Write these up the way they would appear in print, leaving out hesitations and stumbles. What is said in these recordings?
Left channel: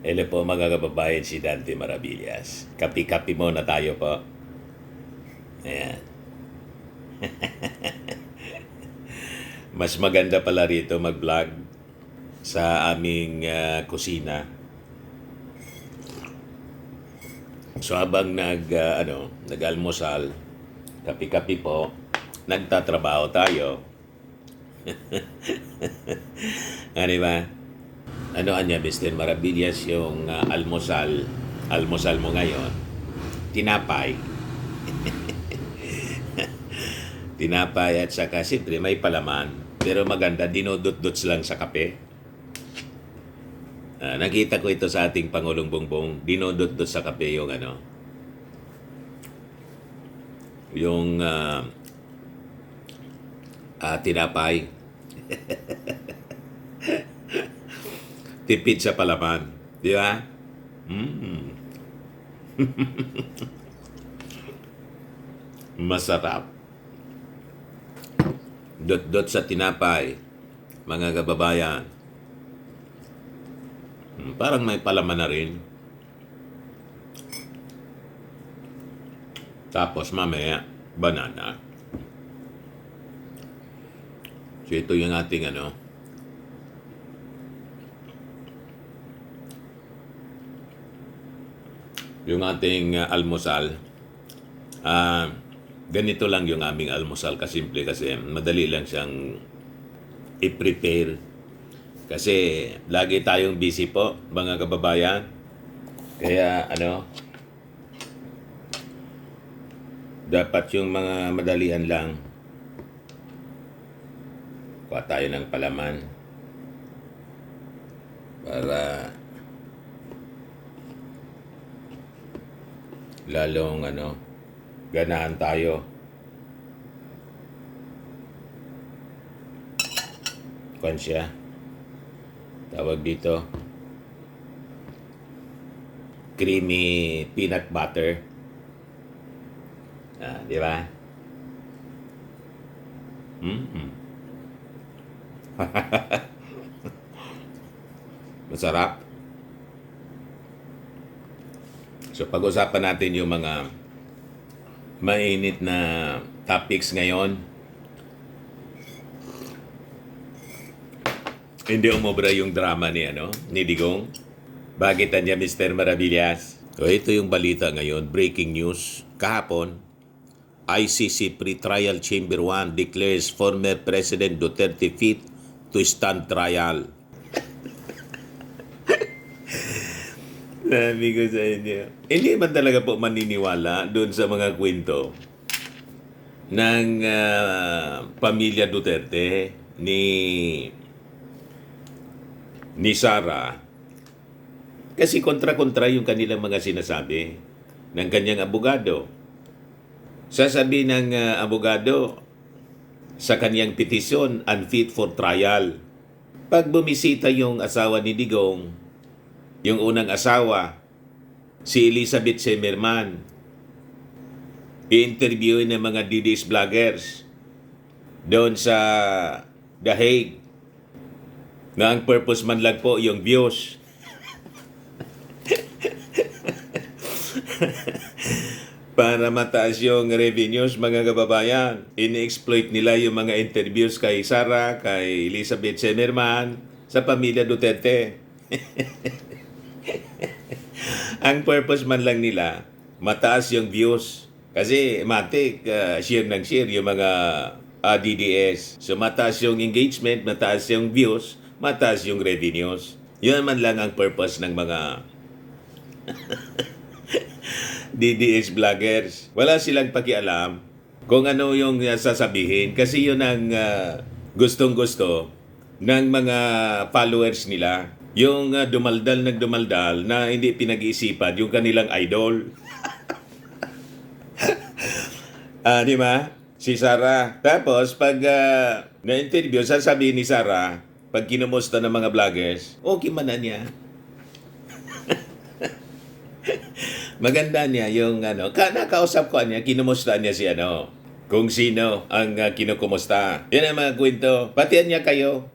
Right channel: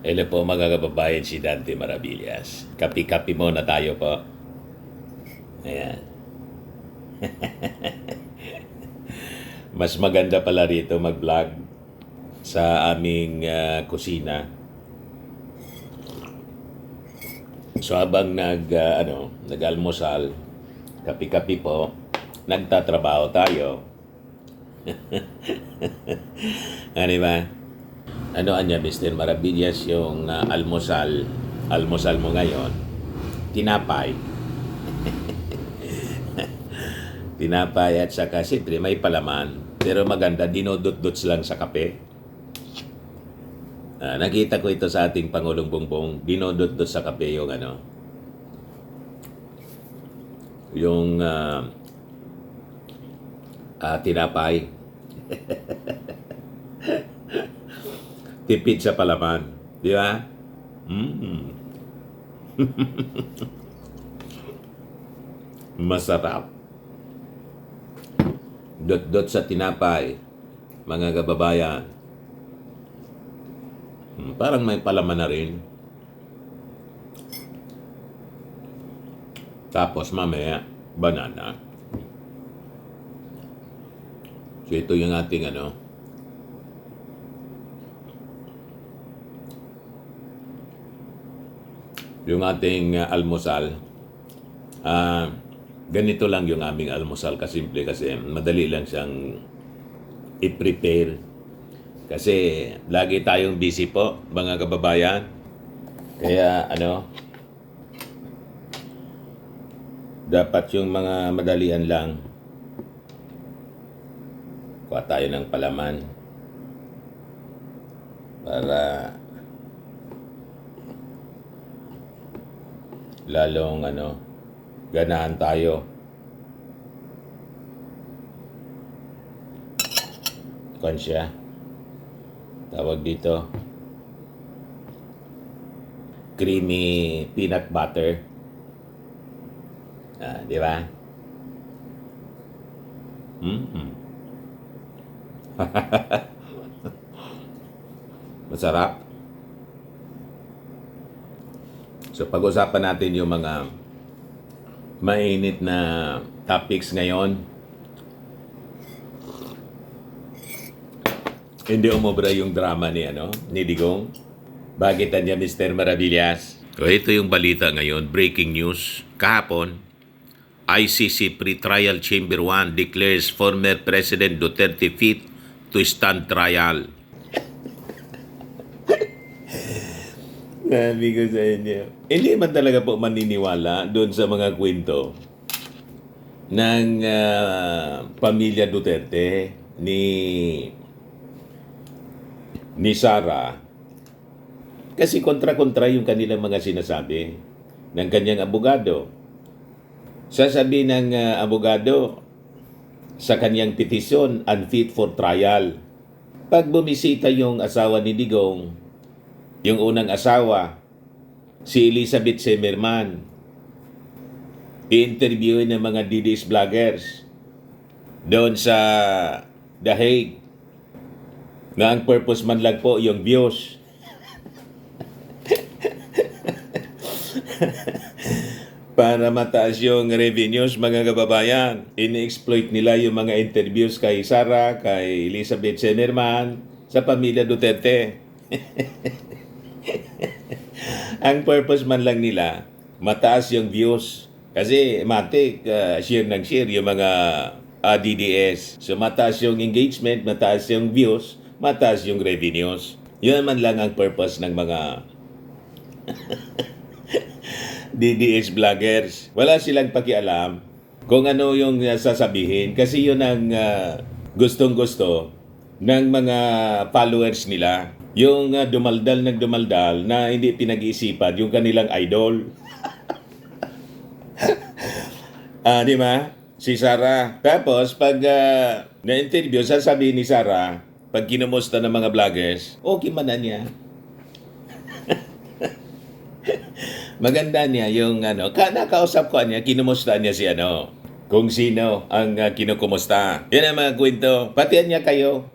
Hello po mga kababayan, si Dante Maravillas. Kapi-kapi muna tayo po. Ayan. Mas maganda pala rito mag-vlog sa aming kusina. So habang nag-almusal, kapi-kapi po, nagtatrabaho tayo. Ano ba? Ano anya, Mr. Maravillas, yung almusal mo ngayon, tinapay. Tinapay at saka siyempre may palaman. Pero maganda, dinudot-dots lang sa kape. Nakita ko ito sa ating Pangulong Bongbong, dinudot-dot sa kape yung tinapay. Tipid sa palaman. Di ba? Masarap. Dot-dot sa tinapay, mga kababayan. Parang may palaman na rin. Tapos mamaya, banana. So ito yung ating yung ating almusal. Ganito lang yung aming almusal, kasimple kasi madali lang siyang i-prepare. Kasi lagi tayong busy po, mga kababayan. Kaya dapat yung mga madalian lang. Kuha tayo ng palaman para lalong ganahan tayo. Kuan siya. Tawag dito, creamy peanut butter. Di ba? Masarap. So pag-usapan natin yung mga mainit na topics ngayon. Hindi umobra yung drama ni Digong. Bakit niya, Mr. Maravillas? So ito yung balita ngayon, breaking news. Kahapon, ICC Pre-Trial Chamber 1 declares former President Duterte fit to stand trial. Sabi ko sa inyo, hindi man talaga po maniniwala doon sa mga kwento ng pamilya Duterte ni Sara. Kasi kontra-kontra yung kanilang mga sinasabi ng kanyang abogado. Sasabi ng abogado sa kanyang petisyon, unfit for trial. Pag bumisita yung asawa ni Digong, yung unang asawa, si Elizabeth Semerman, i-interviewin ng mga DDS vloggers doon sa The Hague, na ang purpose man lang po yung views. Para mataas yung revenues, mga kababayan. Ini-exploit nila yung mga interviews kay Sara, kay Elizabeth Semerman, sa pamilya Duterte. Ang purpose man lang nila, mataas yung views. Kasi matik, share ng share yung mga DDS. So mataas yung engagement, mataas yung views, mataas yung revenues. Yun man lang ang purpose ng mga DDS vloggers. Wala silang pakialam kung ano yung sasabihin kasi yun ang gustong-gusto ng mga followers nila. Yung dumaldal na hindi pinag-iisipan yung kanilang idol. Di ba? Si Sara. Tapos pag na-interview, sasabihin ni Sara, pag kinumusta ng mga vloggers, okay man na niya. Maganda niya yung nakausap ko niya, kinumusta niya si kung sino ang kinukumusta. Yan ang mga kwento. Patian niya kayo.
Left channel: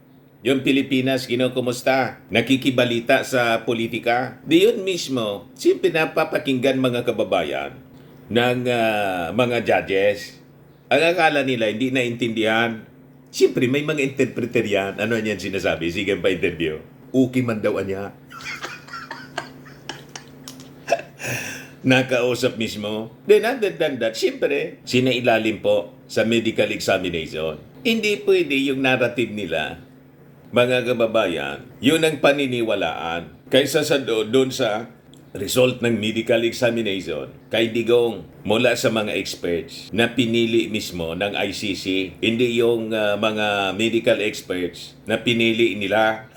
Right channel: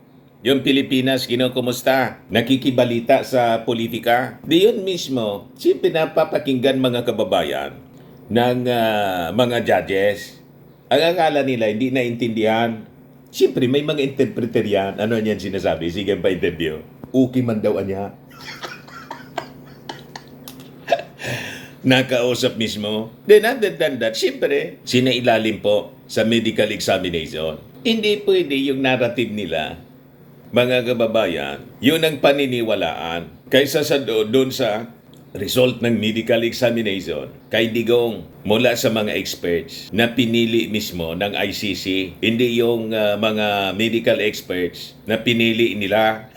yung Pilipinas, kinukumusta, nakikibalita sa politika. Di yun mismo, siyempre napapakinggan mga kababayan ng mga judges. Ang akala nila, hindi naintindihan. Siyempre, may mga interpreter yan. Ano yan sinasabi? Sige pa interview. Okay man daw niya. Nakausap mismo. Then other than that, siyempre, sinailalim po sa medical examination. Hindi pwede yung narrative nila, mga kababayan, yun ang paniniwalaan. Kaysa sa doon sa result ng medical examination, kay Digong mula sa mga experts na pinili mismo ng ICC, hindi yung mga medical experts na pinili nila.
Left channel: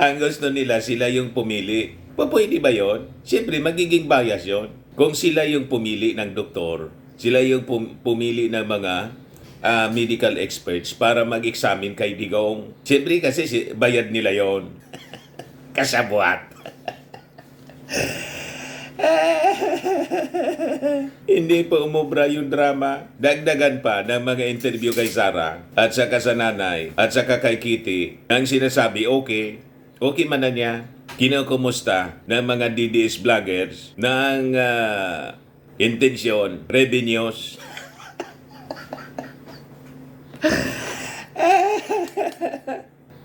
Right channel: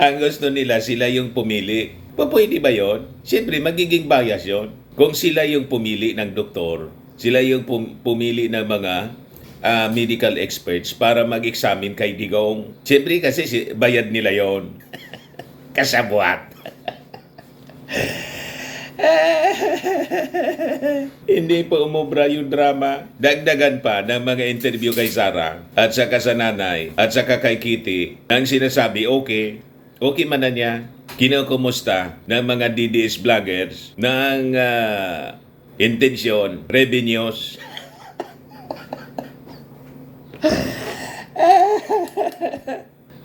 Ang gusto nila, sila yung pumili. Pwede ba yun? Siyempre, magiging bias yun. Kung sila yung pumili ng doktor, sila yung pumili ng mga medical experts para mag-examine kay Digong. Siyempre kasi bayad nila yon. Kasabwat. Hindi pa umubra yung drama. Dagdagan pa ng mga interview kay Sara at saka sa nanay at saka kay Kitty. Ang sinasabi, okay man na niya. Kinukumusta ng mga DDS vloggers ng intensyon, revenues.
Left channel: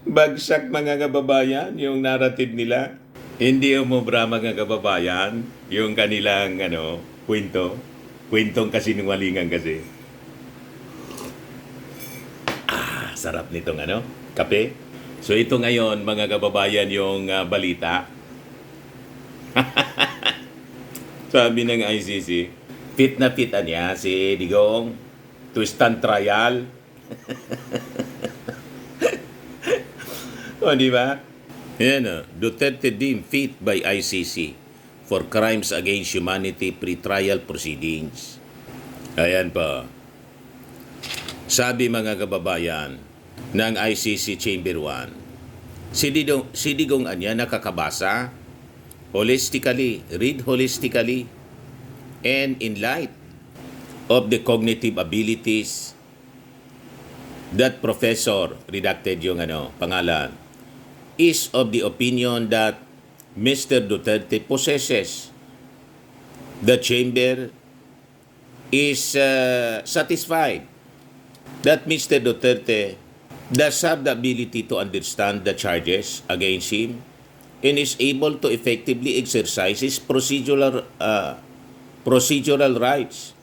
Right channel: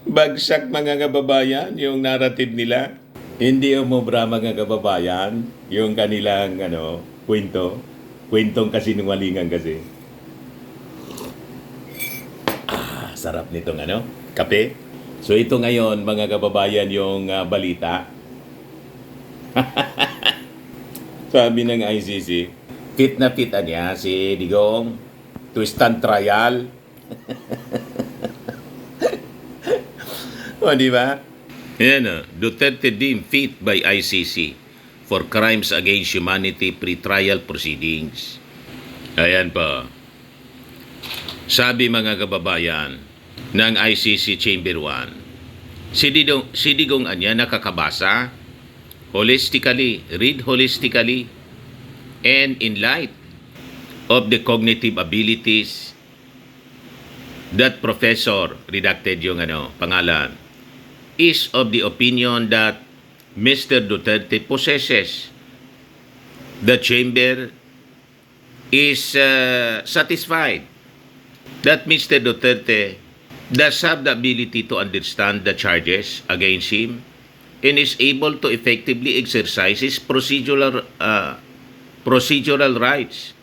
Bagsak mga kababayan yung narrative nila. Hindi umubra mga kababayan yung kanilang kwento. Kwentong kasinungalingan kasi. Sarap nitong kape. So ito ngayon mga kababayan yung balita. Sabi ng ICC, fit na fit niya si Digong to stand trial. O, di ba? Yan Duterte deemed fit by ICC for crimes against humanity pre-trial proceedings. Ayan pa. Sabi mga kababayan ng ICC Chamber 1, si Digong anya nakakabasa holistically, read holistically, and in light of the cognitive abilities that professor, redacted yung pangalan, is of the opinion that Mr. Duterte possesses. The chamber is satisfied that Mr. Duterte does have the ability to understand the charges against him and is able to effectively exercise his procedural rights,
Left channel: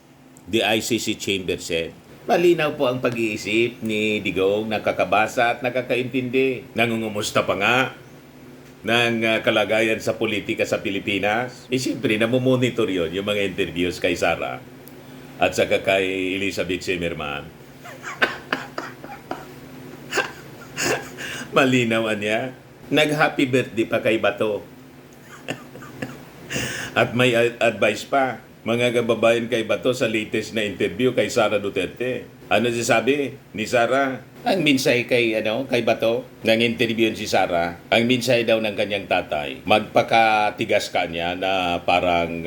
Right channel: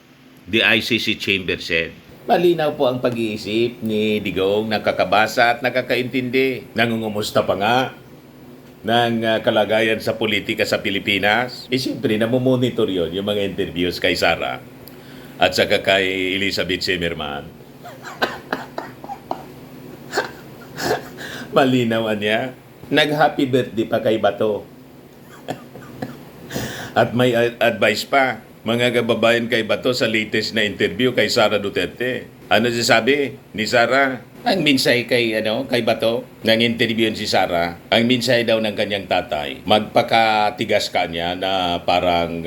the ICC chamber said. Malinaw po ang pag-iisip ni Digong, nakakabasa at nakakaintindi. Nangungumusta pa nga ng kalagayan sa politika sa Pilipinas. Siyempre, namumonitor yun, yung mga interviews kay Sara at saka kay Elizabeth Zimmerman. Malinaw niya. Nag-happy birthday pa kay Bato. At may advice pa, mga kababayan kay Bato sa latest na interview kay Sara Duterte. Ano sabi ni Sara? Ang minsay kay Bato, nang interview si Sara, ang minsay daw ng kanyang tatay, magpakatigas ka niya na parang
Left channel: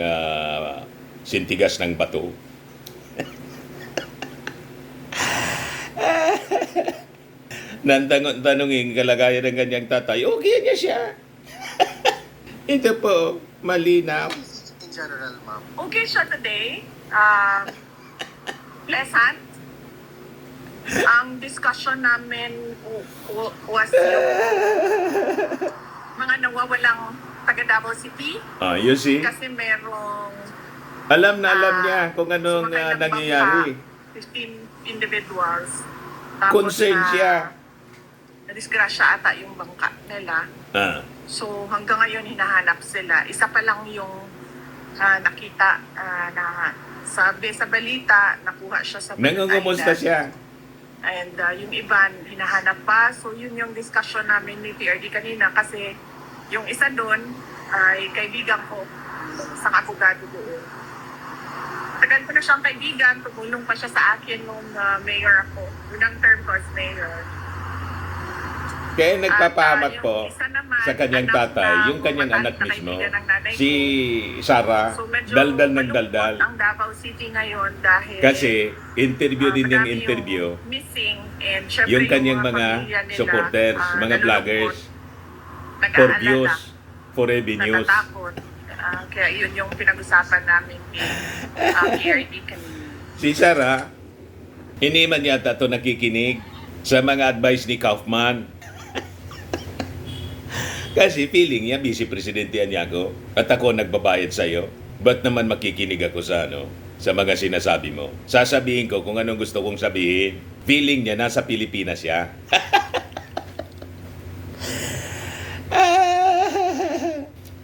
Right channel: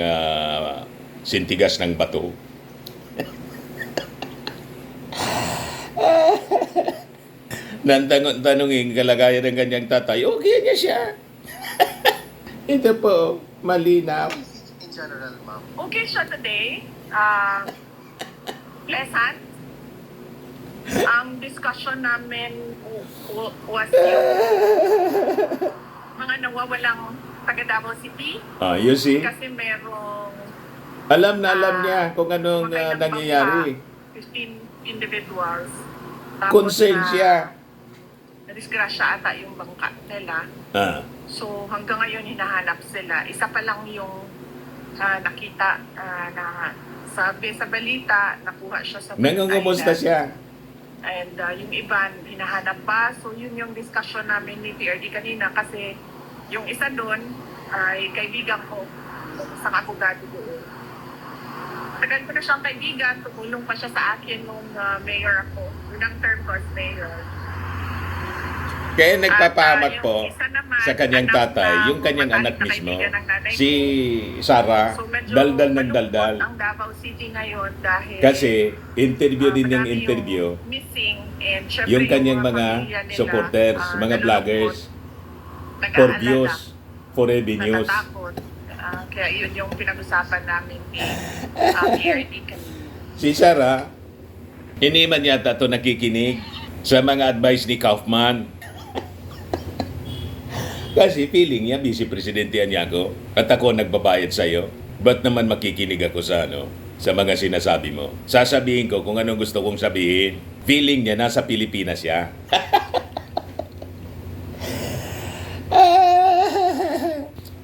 sintigas ng bato. Nang tanongin kalagayan ng kanyang tatay, okay niya siya. Ito po, malinaw. In general, ma'am. Okay siya today. Pleasant. Ang discussion namin was mga nawawalang taga Davao City. You see? Kasi merong Alam niya kung anong sumakay ng nangyayari. bangka, 15 individuals. Concerned siya. Nadisgrasya ata yung bangka nila. So hanggang ngayon hinahanap sila. Isa pa lang yung nakita na sabi sa balita, nakuha siya sa Nangungumusta siya. And yung iba, hinahanap pa. So yun yung discussion namin ni PRD kanina kasi yung isa doon ay kaibigan ko, isang abogado doon. Tagal ko na siyang kaibigan, tumulong pa siya sa akin nung mayor ako. Unang term ko as mayor. Kaya nagpapahamak At, po. yung isa naman, sa kanyang anak tatay, na yung kanyang matalik anak na mismo, kaibigan ng nanay si ko. Sarah, So, medyo daldal ng malungkot daldal. ang Davao City ngayon dahil Kasi interview din yung marami interview missing, and syempre yung kanyang mga pamilya nila, supporters, mga nalulungkot, vloggers, for nag-aalala, views, for revenues. natatakot. Kaya yun yung pinag-usapan namin ni PRD kanina. Si Sarah, hindi man yata ito nakikinig sa mga advice ni Kaufman. Kasi feeling niya, Vice Presidente niya ako at ako nagbabayad sa'yo. Ba't naman makikinig ako sa sa mga sinasabi mo? Sasabihin ko kung anong gusto kong sabihin. Feeling niya, nasa Pilipinas siya.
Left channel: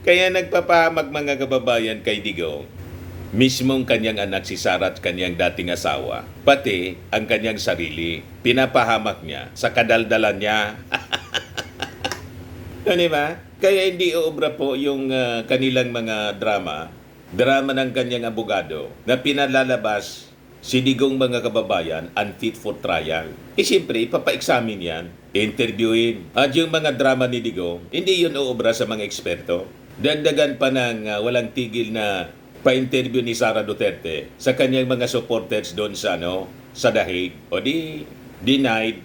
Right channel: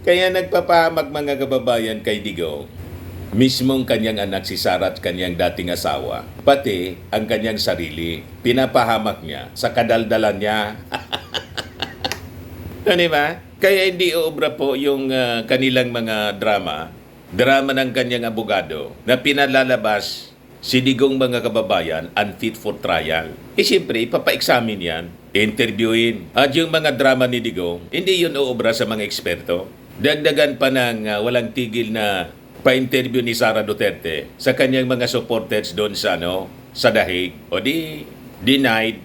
Kaya nagpapahamag mga kababayan kay Digong. Mismong kanyang anak si Sarah at kanyang dating asawa, pati ang kanyang sarili, pinapahamak niya sa kadaldalan niya. Ano ba? Kaya hindi uubra po yung kanilang mga drama ng kanyang abogado na pinalalabas si Digong mga kababayan unfit for trial. Siyempre, ipapa-examine yan, interviewin. At yung mga drama ni Digong, hindi yun uubra sa mga eksperto. Dagdagan pa ng walang tigil na pa-interview ni Sara Duterte sa kanyang mga supporters doon sa sa Dahig. O denied.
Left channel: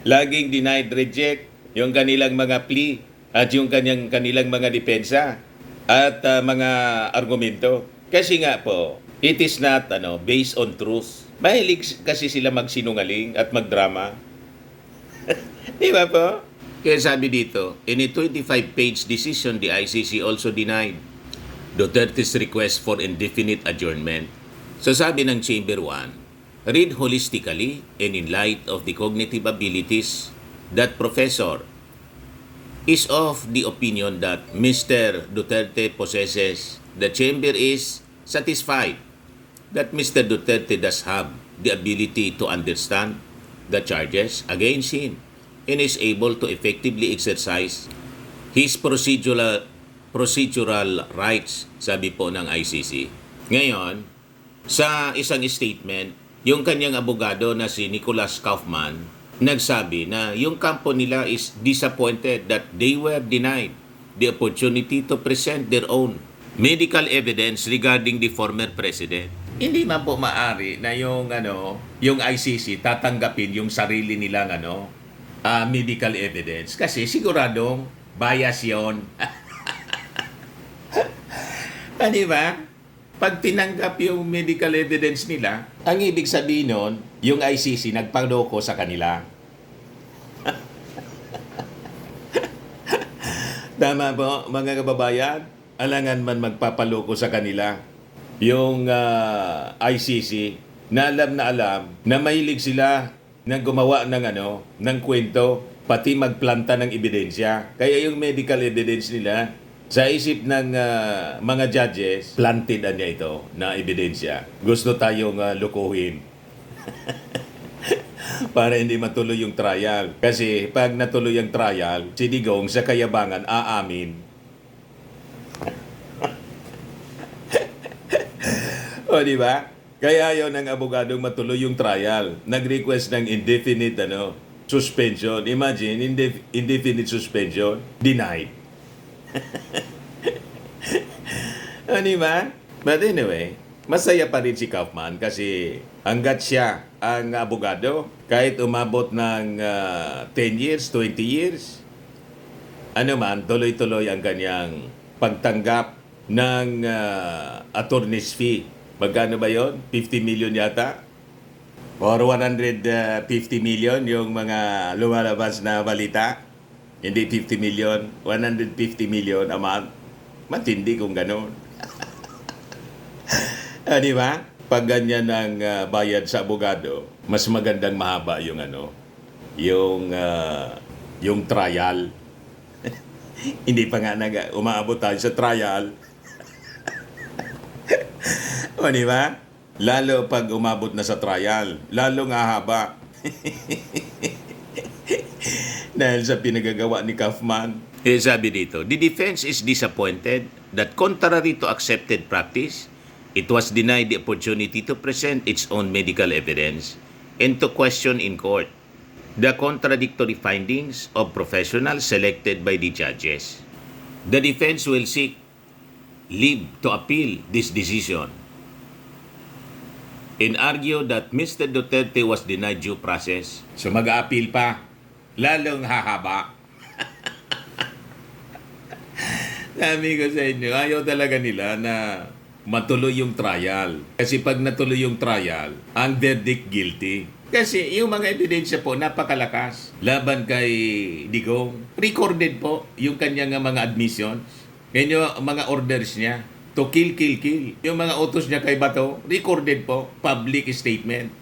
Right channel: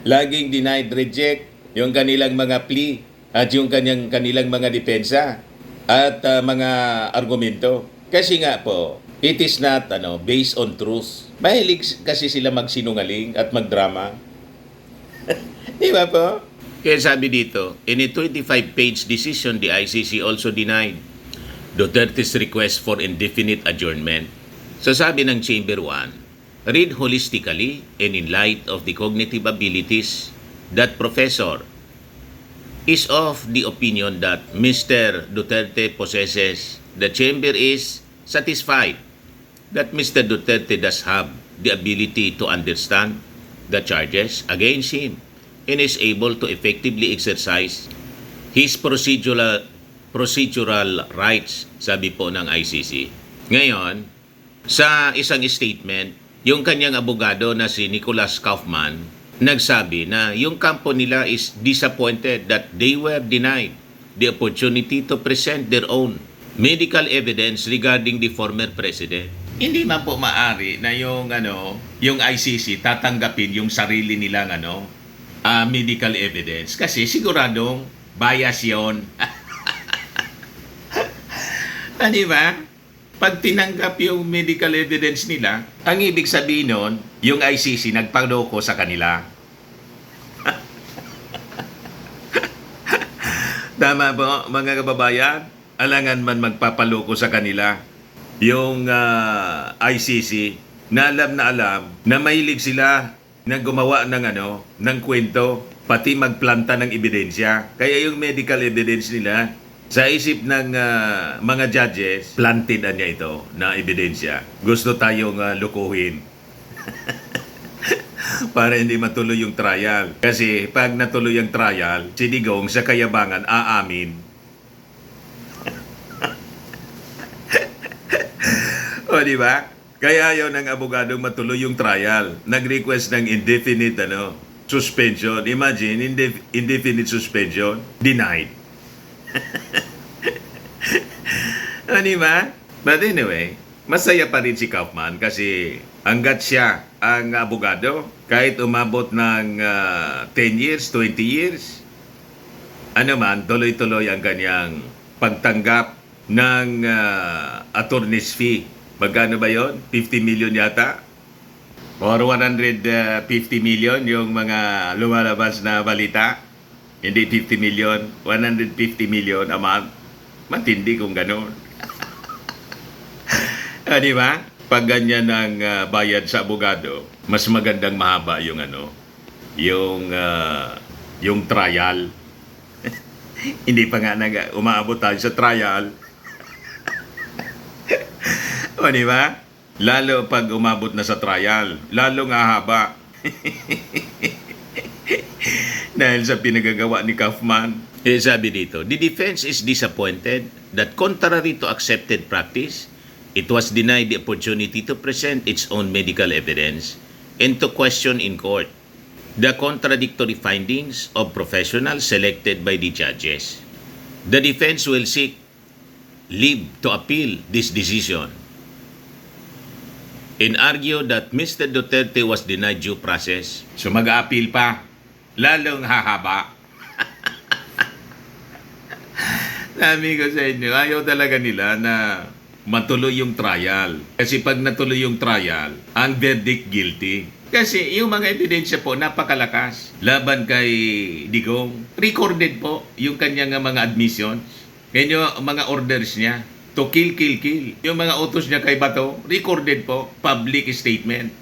Laging denied, reject yung kanilang mga plea at yung kanilang mga depensa at mga argumento. Kasi nga po, it is not based on truth. Mahilig kasi sila magsinungaling at magdrama. Di ba po? Kaya sabi dito, in a 25-page decision, the ICC also denied Duterte's request for indefinite adjournment. So sabi ng Chamber 1, read holistically and in light of the cognitive abilities that professor is of the opinion that Mr. Duterte possesses, the Chamber is satisfied that Mr. Duterte does have the ability to understand the charges against him and is able to effectively exercise his procedural rights, sabi po ng ICC. Ngayon, sa isang statement, yung kanyang abogado na si Nicholas Kaufman, nagsabi na yung kampo nila is disappointed that they were denied the opportunity to present their own medical evidence regarding the former president. Hindi man po maari na yung ICC tatanggapin yung sarili nilang medical evidence kasi siguradong bias yon. Di ba? Pag tinanggap yung medical evidence nila, ang ibig sabihin nun, yung ICC nagpaloko sa kanila. Tama po, mga kababayan? Alangan man magpapaloko sa kanila. Yung ICC, na alam na mahilig sila na gumawa ng kwento, pati magplanta ng ebidensya. Kaya yung medical evidence nila, sa isip ng mga judges, planted niya ito na ebidensya. Gusto tayong lukuhin. Para hindi matuloy yung trial. Kasi pag natuloy ang trial, si Digong sa kayabangan aamin. O di ba? Kaya ayaw ng abogadong matuloy yung trial. Nag-request ng indefinite suspension. Imagine, indefinite suspension, denied. O di ba? But anyway, masaya pa rin si Kaufman kasi hanggat siya ang abogado, kahit umabot ng 10 years, 20 years, tuloy-tuloy ang kanyang pagtanggap ng attorney's fee. Magkano ba yon? 50 million yata? Or 150 million yung mga lumalabas na balita? Hindi 50 million, 150 million a month. Matindi kung gano'n. Di ba? Pag ganyan ang bayad sa abogado, mas magandang mahaba yung yung trial. Hindi pa nga umaabot tayo sa trial. O, di ba? Lalo pag umabot na sa trial, lalong hahaba. Dahil sa pinagagawa ni Kaufman. Sabi dito, the defense is disappointed that contrary to accepted practice, it was denied the opportunity to present its own medical evidence and to question in court the contradictory findings of professionals selected by the judges. The defense will seek leave to appeal this decision and argue that Mr. Duterte was denied due process. So mag-a-appeal pa, lalong hahaba. Sabi ko sa inyo, ayaw talaga nila na matuloy yung trial. Kasi pag natuloy yung trial, ang verdict guilty. Kasi yung mga ebidensya po napakalakas. Laban kay Digong, recorded po yung kanyang mga admissions. Yan yung mga orders niya to kill, kill, kill. Yung mga utos niya kay Bato, recorded po, public statement.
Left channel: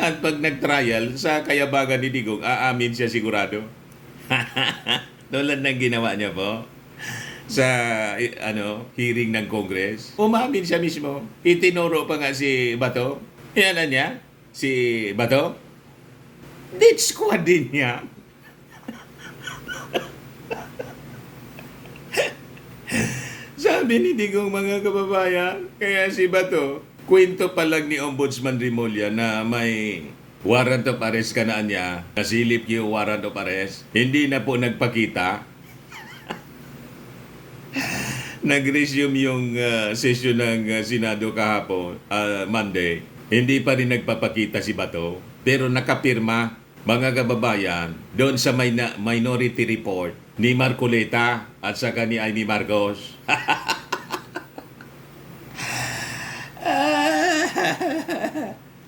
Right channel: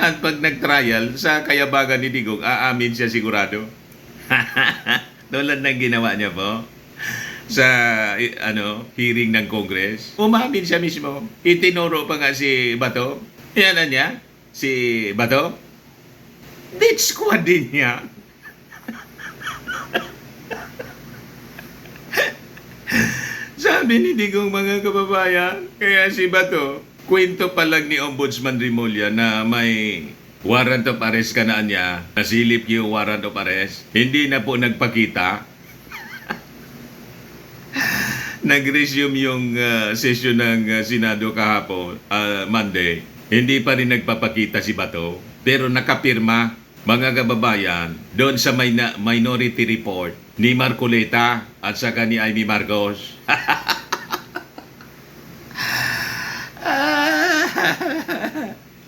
At pag nag-trial, sa kayabangan ni Digong, aamin siya sigurado. Tulad ng ginawa niya po sa hearing ng Congress. Umamin siya mismo. Itinuro pa nga si Bato. Yan na niya, si Bato. Death squad din niya. Sabi ni Digong, mga kababayan, kaya si Bato, kwento pa lang ni Ombudsman Rimulya na may warrant of arrest ka na niya, nasilip yung warrant of arrest, hindi na po nagpakita. Nag-resume yung session ng Senado kahapon, Monday. Hindi pa rin nagpapakita si Bato, pero nakapirma, mga kababayan, doon sa minority report ni Marcoleta at saka ni Amy Marcos.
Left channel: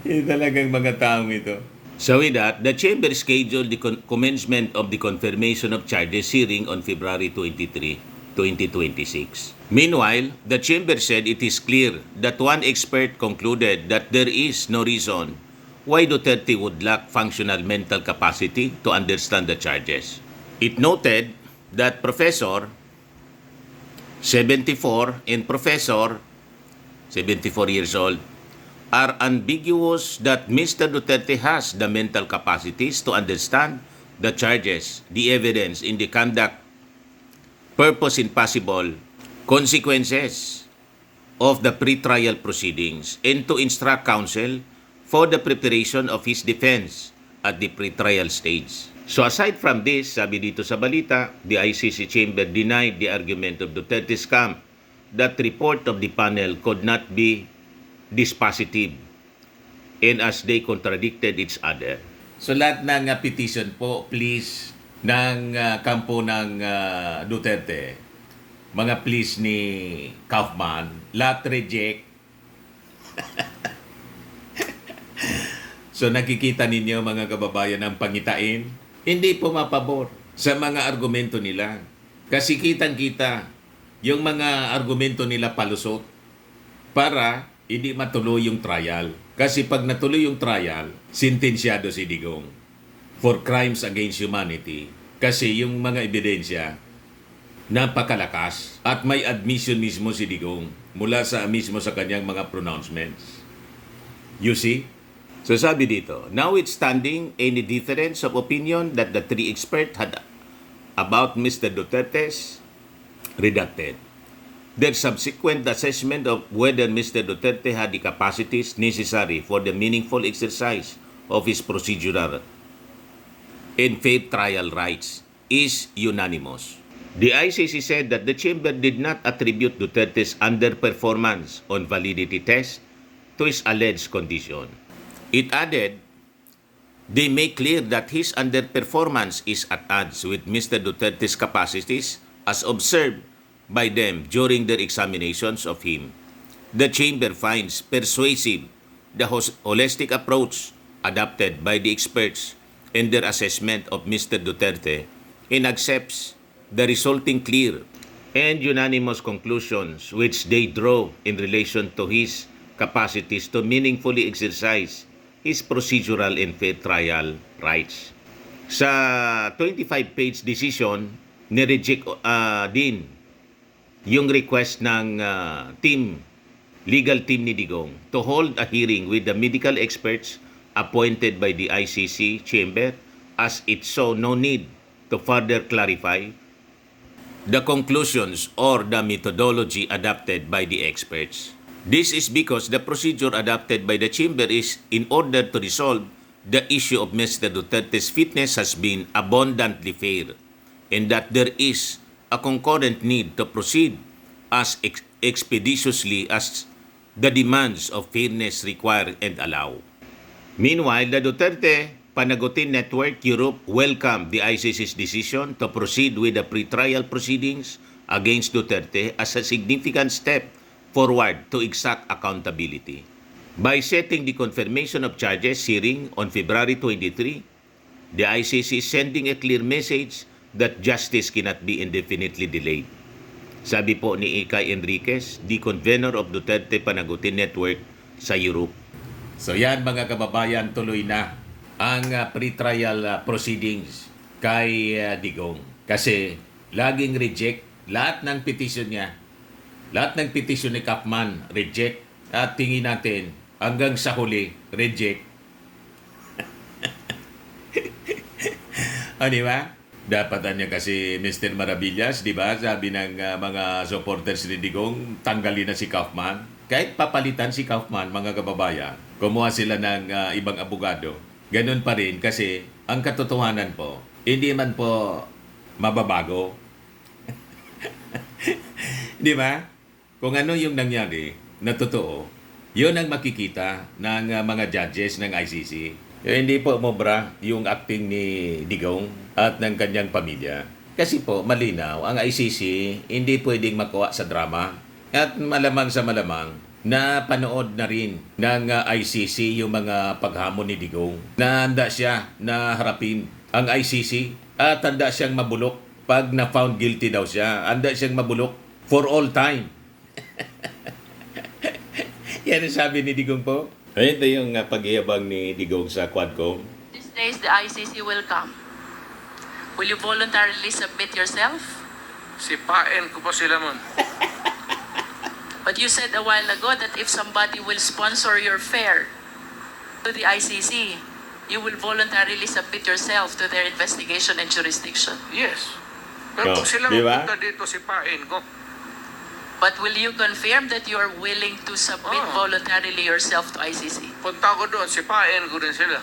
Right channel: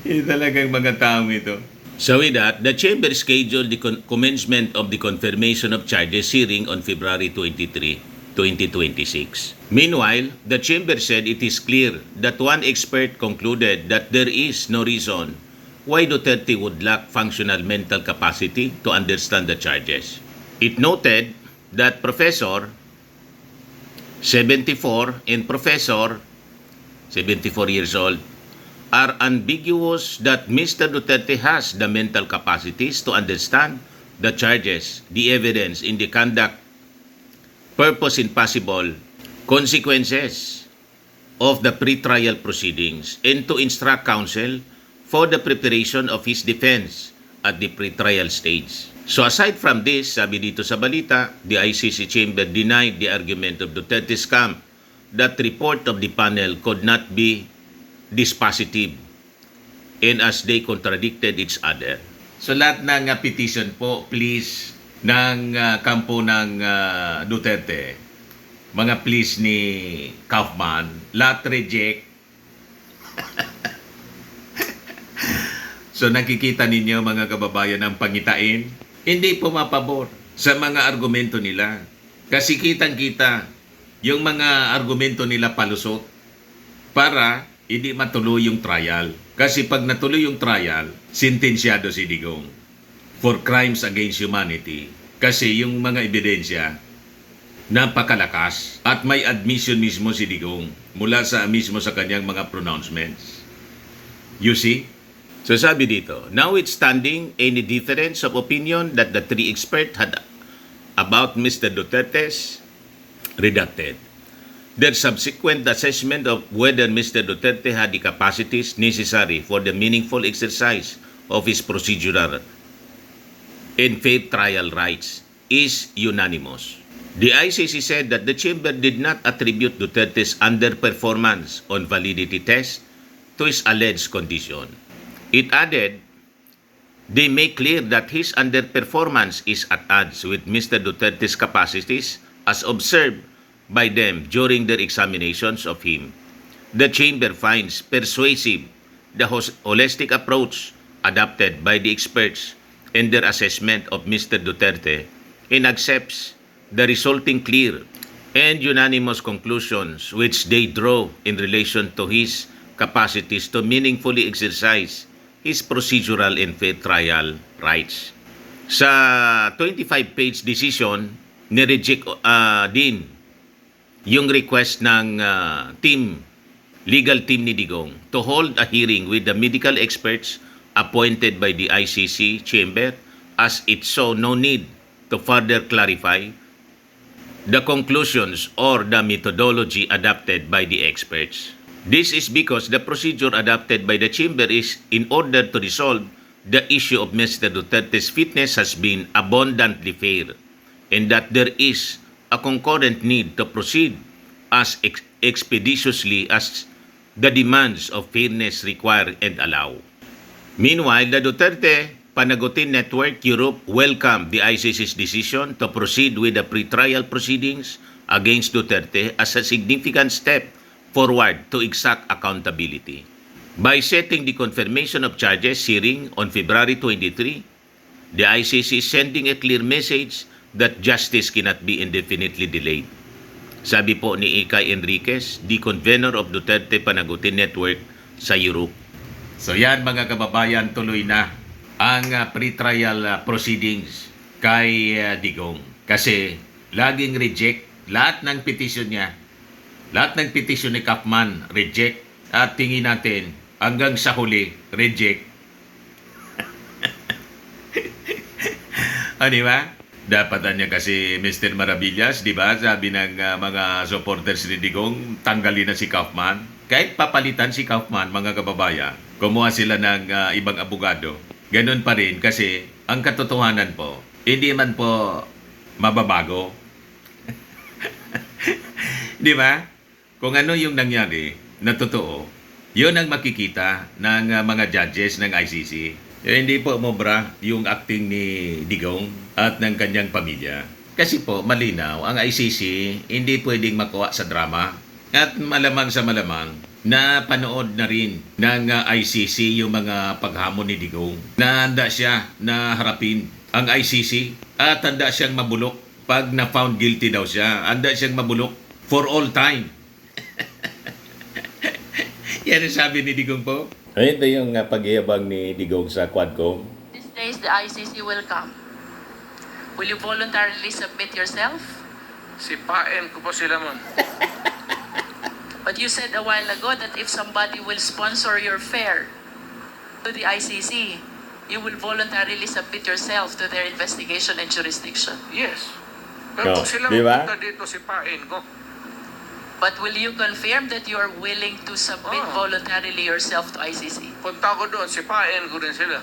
Talagang mga taong ito. So with that, the chamber scheduled the commencement of the confirmation of charges hearing on February 23, 2026. Meanwhile, the chamber said it is clear that one expert concluded that there is no reason why Duterte would lack functional mental capacity to understand the charges. It noted that Professor 74 and Professor 74 years old are ambiguous that Mr. Duterte has the mental capacities to understand the charges, the evidence in the conduct, purpose and possible consequences of the pre-trial proceedings and to instruct counsel for the preparation of his defense at the pre-trial stage. So aside from this, sabi dito sa balita, the ICC chamber denied the argument of Duterte's camp that report of the panel could not be dispositive and as they contradicted each other. So lahat ng petition po, please, ng kampo ng Duterte, mga please ni Kaufman, lahat reject. So nakikita ninyo mga kababayan ang pangitain, hindi pumapabor sa mga argumento nila. Kasi kitang-kita yung mga argumento nila palusot para hindi matuloy yung trial. Kasi pag natuloy yung trial, sentensyado si Digong for crimes against humanity. Kasi yung mga ebidensya, napakalakas at may admission mismo si Digong mula mismo sa kanyang mga pronouncements. You see? So sabi dito, notwithstanding any difference of opinion that the three experts had about Mr. Duterte's redacted, their subsequent assessment of whether Mr. Duterte had the capacities necessary for the meaningful exercise of his procedural and fair trial rights is unanimous. The ICC said that the chamber did not attribute Duterte's underperformance on validity test to his alleged condition. It added, they make clear that his underperformance is at odds with Mr. Duterte's capacities as observed by them during their examinations of him. The chamber finds persuasive the holistic approach adopted by the experts in their assessment of Mr. Duterte and accepts the resulting clear and unanimous conclusions which they draw in relation to his capacities to meaningfully exercise his procedural and fair trial rights. Sa 25-page decision, nireject din yung request ng legal team ni Digong to hold a hearing with the medical experts appointed by the ICC chamber as it saw no need to further clarify the conclusions or the methodology adopted by the experts. This is because the procedure adopted by the chamber is in order to resolve the issue of Mr. Duterte's fitness has been abundantly fair and that there is a concurrent need to proceed as expeditiously as the demands of fairness require and allow. Meanwhile, the Duterte Panagutin Network Europe welcomed the ICC's decision to proceed with the pretrial proceedings against Duterte as a significant step forward to exact accountability. By setting the confirmation of charges hearing on February 23, the ICC is sending a clear message that justice cannot be indefinitely delayed. Sabi po ni Ikay Enriquez, the convener of Duterte Panagutin Network sa Europe. So yan mga kababayan, tuloy na ang pretrial proceedings kay Digong. Kasi laging reject lahat ng petition niya. Lahat ng petition ni Kaufman, reject. At tingin natin, hanggang sa huli, reject. Di ba? Dapat niya kasi Mr. Maravillas, di ba? Sabi ng mga supporters ni Digong, tanggalin na si Kaufman. Kahit papalitan si Kaufman, mga kababayan, kumuha sila ng ibang abogado. Ganun pa rin kasi ang katotohanan po, hindi man po mababago. Di ba? Kung ano yung nangyari na totoo, yun ang makikita ng mga judges ng ICC. Hindi po umobra yung acting ni Digong at ng kanyang pamilya. Kasi po, malinaw, ang ICC hindi pwedeng makuha sa drama. At malamang sa malamang, na panood na rin ng ICC yung mga paghamon ni Digong. Na handa siya na harapin ang ICC at handa siyang mabulok pag na-found guilty daw siya. Handa siyang mabulok for all time. Yan ang sabi ni Digong po. Ito yung pag-iabang ni Digong sa Quadcom. These days, the ICC will come. Will you voluntarily submit yourself? Sipain ko pa sila man. But you said a while ago that if somebody will sponsor your fare to the ICC, you will voluntarily submit yourself to their investigation and jurisdiction. Yes. Pero No, kung sila di ba? mapunta dito, sipain ko. But will you confirm that you are willing to submit Oh. voluntarily yourself to ICC? Punta ko doon, sipain ko rin sila.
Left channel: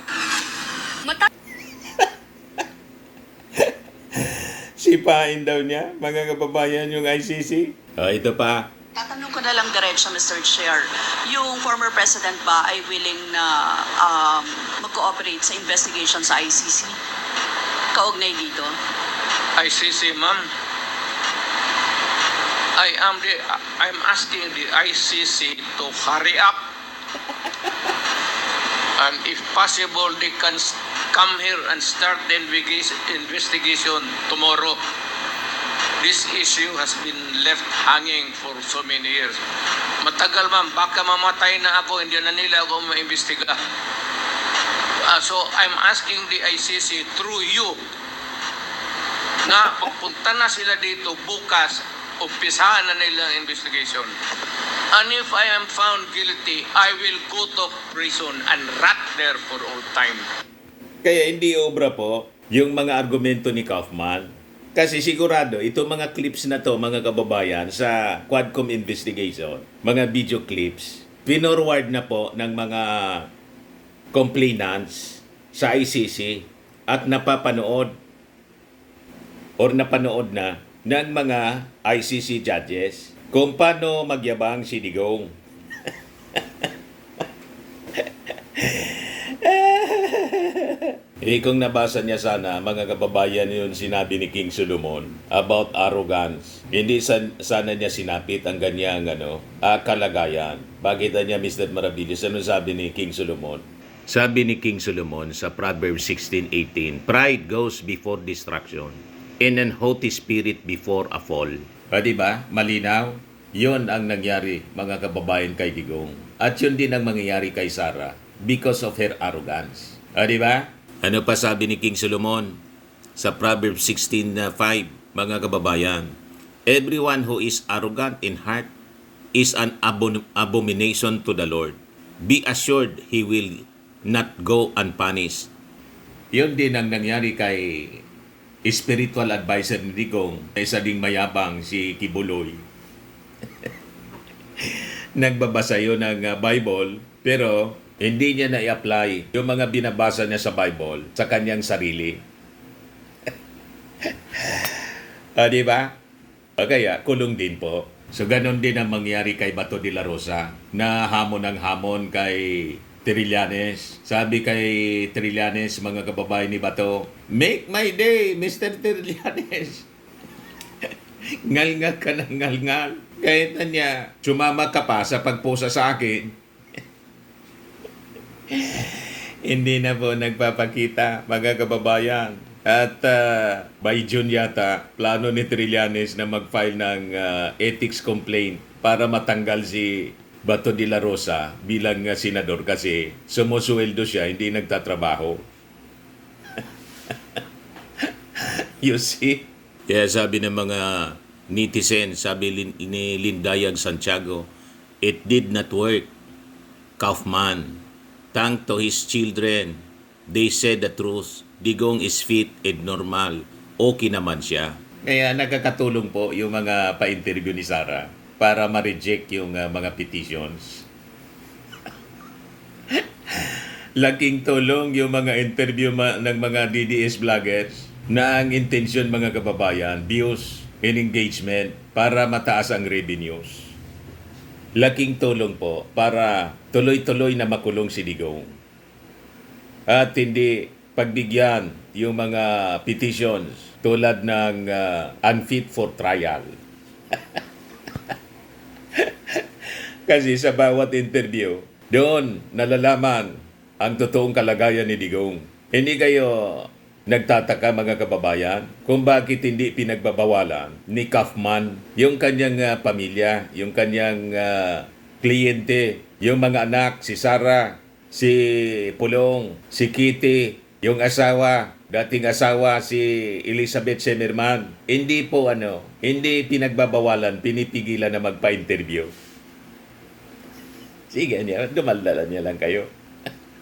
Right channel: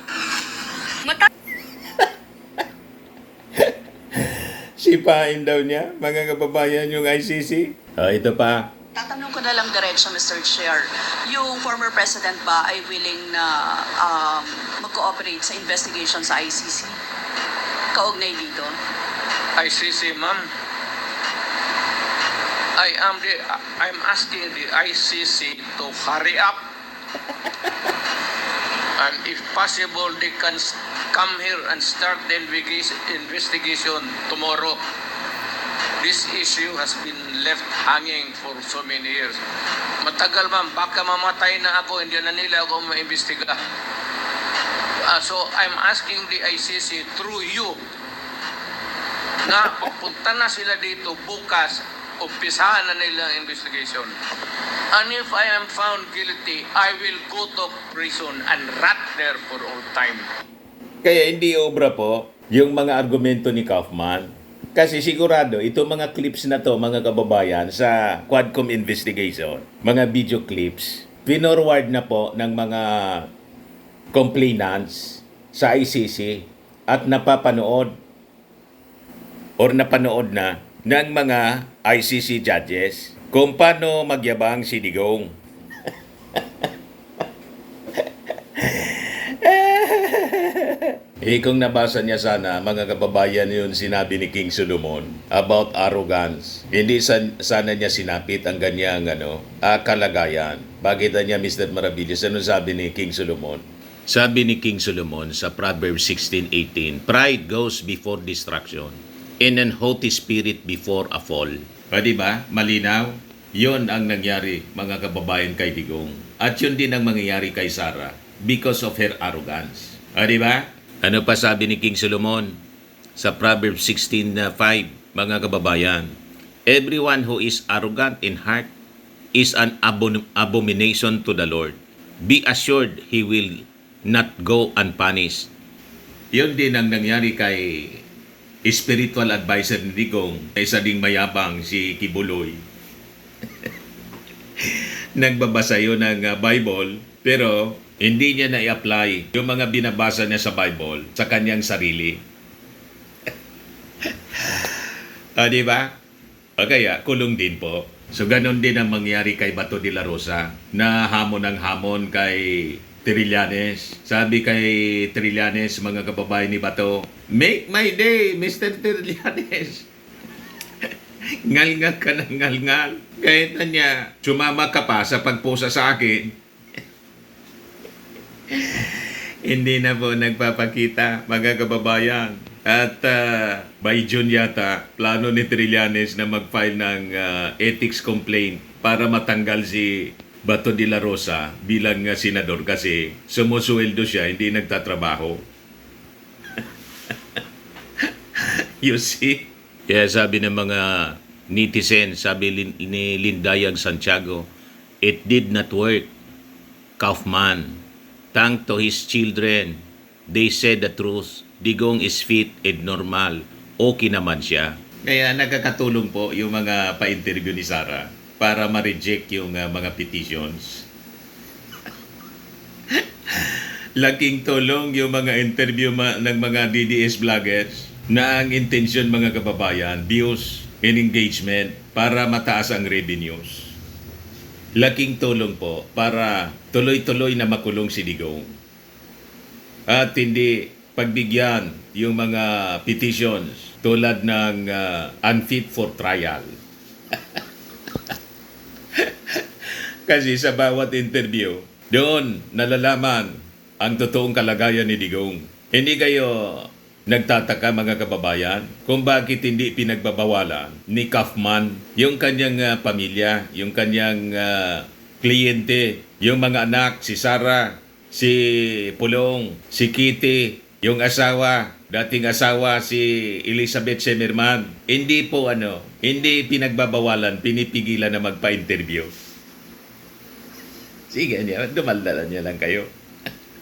Sipain daw niya, mga kababayan, yung ICC. Ito pa. Tatanong ko na lang diretso, Mr. Chair. Yung former president ba ay willing na mag-cooperate sa investigation sa ICC? Kaugnay dito? ICC, ma'am. I'm asking the ICC to hurry up. And if possible, they can come here and start the investigation tomorrow. This issue has been left hanging for so many years. Matagal, ma'am. Baka mamatay na ako, hindi na nila ako maimbestiga. So I'm asking the ICC through you na pagpunta na sila dito bukas, umpisahan na nila ang investigation. And if I am found guilty, I will go to prison and rot there for all time. Kaya hindi obra po yung mga argumento ni Kaufman. Kasi sigurado, itong mga clips na to, mga kababayan, sa Quadcom investigation, mga video clips, pinorward na po ng mga complainants sa ICC at napapanood or napanood na ng mga ICC judges kung paano magyabang si Digong. Kung nabasa niya sana, mga kababayan, yun sinabi ni King Solomon about arrogance. Hindi sana niya sinapit ang ganyang kalagayan. Bakit niya, Mr. Maravillas, ano sabi ni King Solomon? Sabi ni King Solomon sa Proverbs 16:18, "Pride goes before destruction, and an haughty spirit before a fall." Diba? Malinaw? Yun ang nangyari, mga kababayan, kay Digong. At yun din ang mangyayari kay Sara because of her arrogance. Diba? Ano pa sabi ni King Solomon sa Proverbs 16:5, mga kababayan? "Everyone who is arrogant in heart is an abomination to the Lord. Be assured he will not go unpunished." Yun din ang nangyari kay spiritual advisor ni Digong, isa ding mayabang si Kibuloy. Nagbabasa yun ng Bible, pero Hindi niya na-i-apply yung mga binabasa niya sa Bible sa kanyang sarili. Di ba? O kaya, kulong din po. So, ganon din ang mangyari kay Bato de la Rosa na hamon ng hamon kay Trillanes. Sabi kay Trillanes, mga kababayan ni Bato, "Make my day, Mr. Trillanes." Ngal-ngal ka ng ngal-ngal. Kahit na niya, sumama ka pa sa pagpusa sa akin. Hindi na po nagpapakita, mga kababayan. At by June yata, plano ni Trillanes na mag-file ng ethics complaint para matanggal si Bato de la Rosa bilang senador kasi sumusuweldo siya, hindi nagtatrabaho. You see? Kaya sabi ng mga netizen, sabi ni Lindayag Santiago, "It did not work. Kaufman, thank to his children, they said the truth. Digong is fit and normal. Okay naman siya." Kaya nakakatulong po yung mga pa-interview ni Sara para ma-reject yung mga petitions. Laking tulong yung mga interview ng mga DDS vloggers na ang intensyon, mga kababayan, views and engagement para mataas ang revenues. Laking tulong po para tuloy-tuloy na makulong si Digong. At hindi pagbigyan yung mga petitions tulad ng unfit for trial. Kasi sa bawat interview, doon nalalaman ang totoong kalagayan ni Digong. Hindi kayo nagtataka, mga kababayan, kung bakit hindi pinagbabawalan ni Kaufman yung kanyang pamilya, yung kanyang kliyente, yung mga anak, si Sara, si Pulong, si Kitty, yung asawa, dating asawa si Elizabeth Semerman. Hindi po hindi pinagbabawalan, pinipigilan na magpa-interview. Sige niya, dumaldalan niya lang kayo.